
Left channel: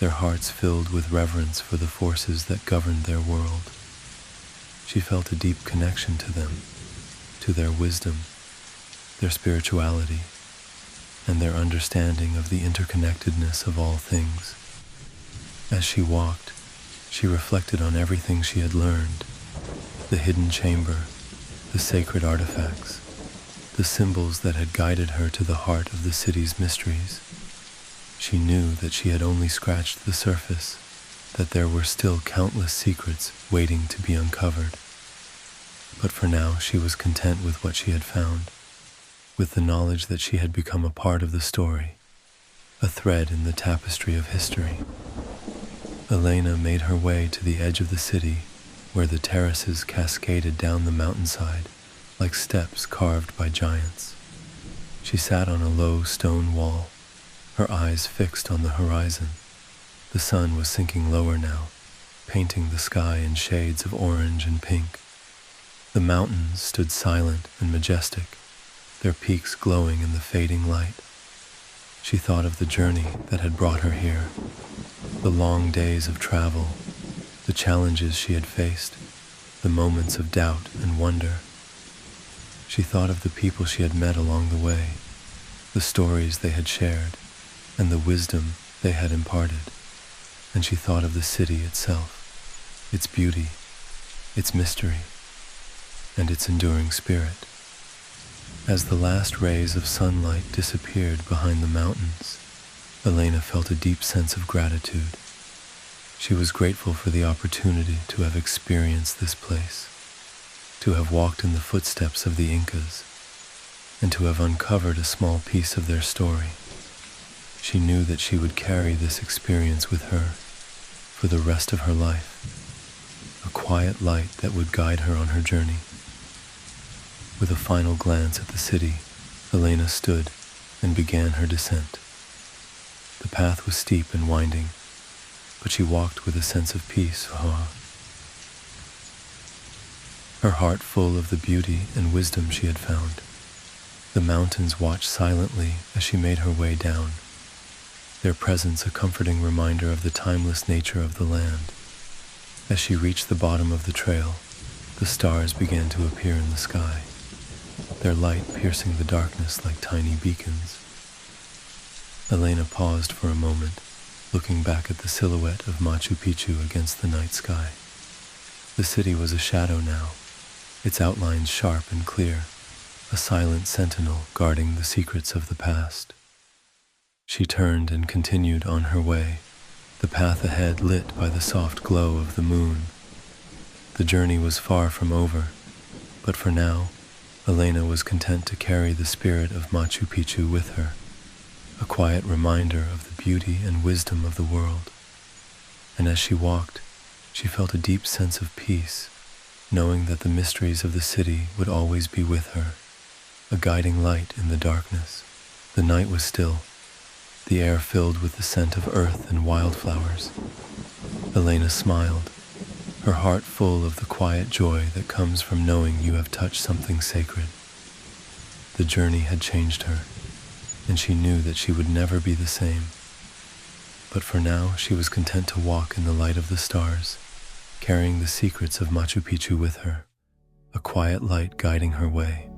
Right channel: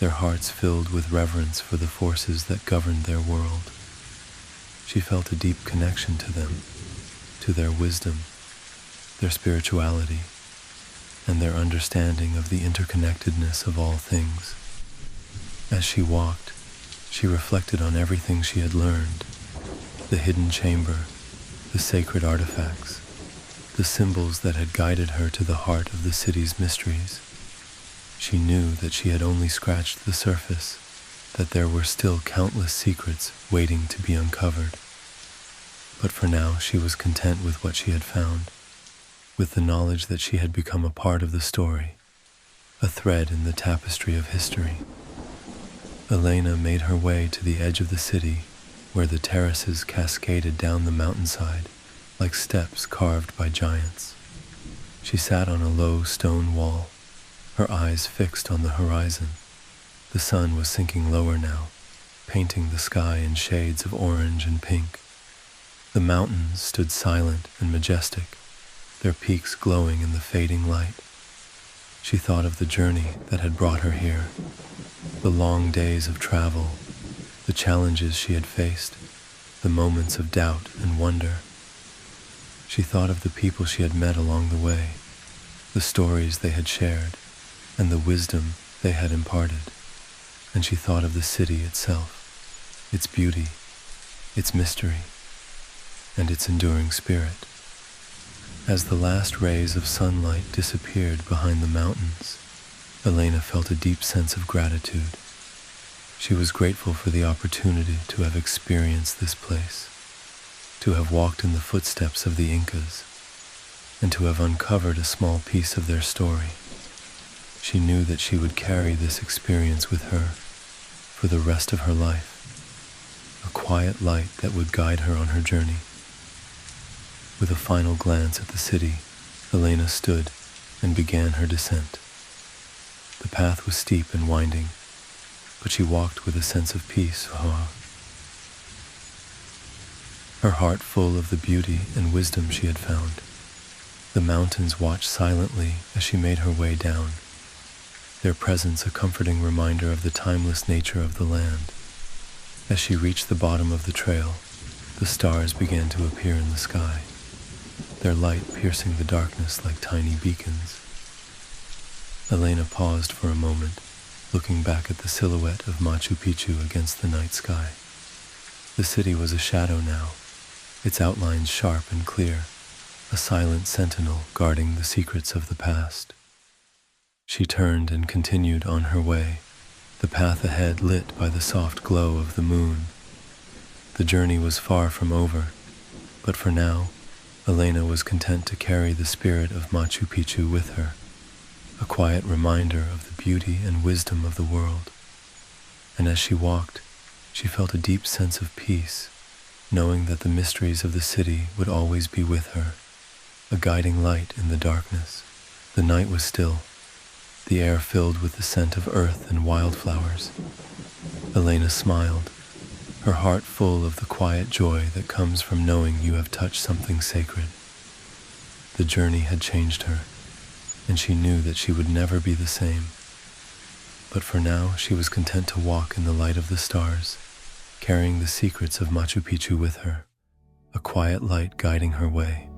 their hearts filled with reverence for the forces that governed their world. She felt a deep connection to them, to their wisdom, their spirituality, and their understanding of the interconnectedness of all things. As she walked, she reflected on everything she had learned, the hidden chamber, the sacred artifacts, the symbols that had guided her to the heart of the city's mysteries. She knew that she had only scratched the surface, that there were still countless secrets waiting to be uncovered. But for now, she was content with what she had found, with the knowledge that she had become a part of the story, a thread in the tapestry of history. Elena made her way to the edge of the city, where the terraces cascaded down the mountainside like steps carved by giants. She sat on a low stone wall, her eyes fixed on the horizon. The sun was sinking lower now, painting the sky in shades of orange and pink. The mountains stood silent and majestic, their peaks glowing in the fading light. She thought of the journey that had brought her here, the long days of travel, the challenges she had faced, the moments of doubt and wonder. She thought of the people she had met along the way, the stories they had shared, and the wisdom they had imparted. And she thought of the city itself, its beauty, its mystery, and its enduring spirit. As the last rays of sunlight disappeared behind the mountains, Elena felt a deep sense of gratitude. She was grateful for the opportunity to have experienced this place, to have walked in the footsteps of the Incas, and to have uncovered a small piece of their story. She knew that she would carry this experience with her for the rest of her life, a quiet light that would guide her on her journey. With a final glance at the city, Elena stood and began her descent. The path was steep and winding, but she walked with a sense of peace, her heart full of the beauty and wisdom she had found. The mountains watched silently as she made her way down, their presence a comforting reminder of the timeless nature of the land. As she reached the bottom of the trail, the stars began to appear in the sky, their light piercing the darkness like tiny beacons. Elena paused for a moment, looking back at the silhouette of Machu Picchu against the night sky. The city was a shadow now, its outlines sharp and clear, a silent sentinel guarding the secrets of the past. She turned and continued on her way, the path ahead lit by the soft glow of the moon. The journey was far from over, but for now, Elena was content to carry the spirit of Machu Picchu with her, a quiet reminder of the beauty and wisdom of the world. And as she walked, she felt a deep sense of peace, knowing that the mysteries of the city would always be with her, a guiding light in the darkness. The night was still, the air filled with the scent of earth and wildflowers. Elena smiled, her heart full of the quiet joy that comes from knowing you have touched something sacred. The journey had changed her, and she knew that she would never be the same. But for now, she was content to walk in the light of the stars, carrying the secrets of Machu Picchu with her, a quiet light guiding her way.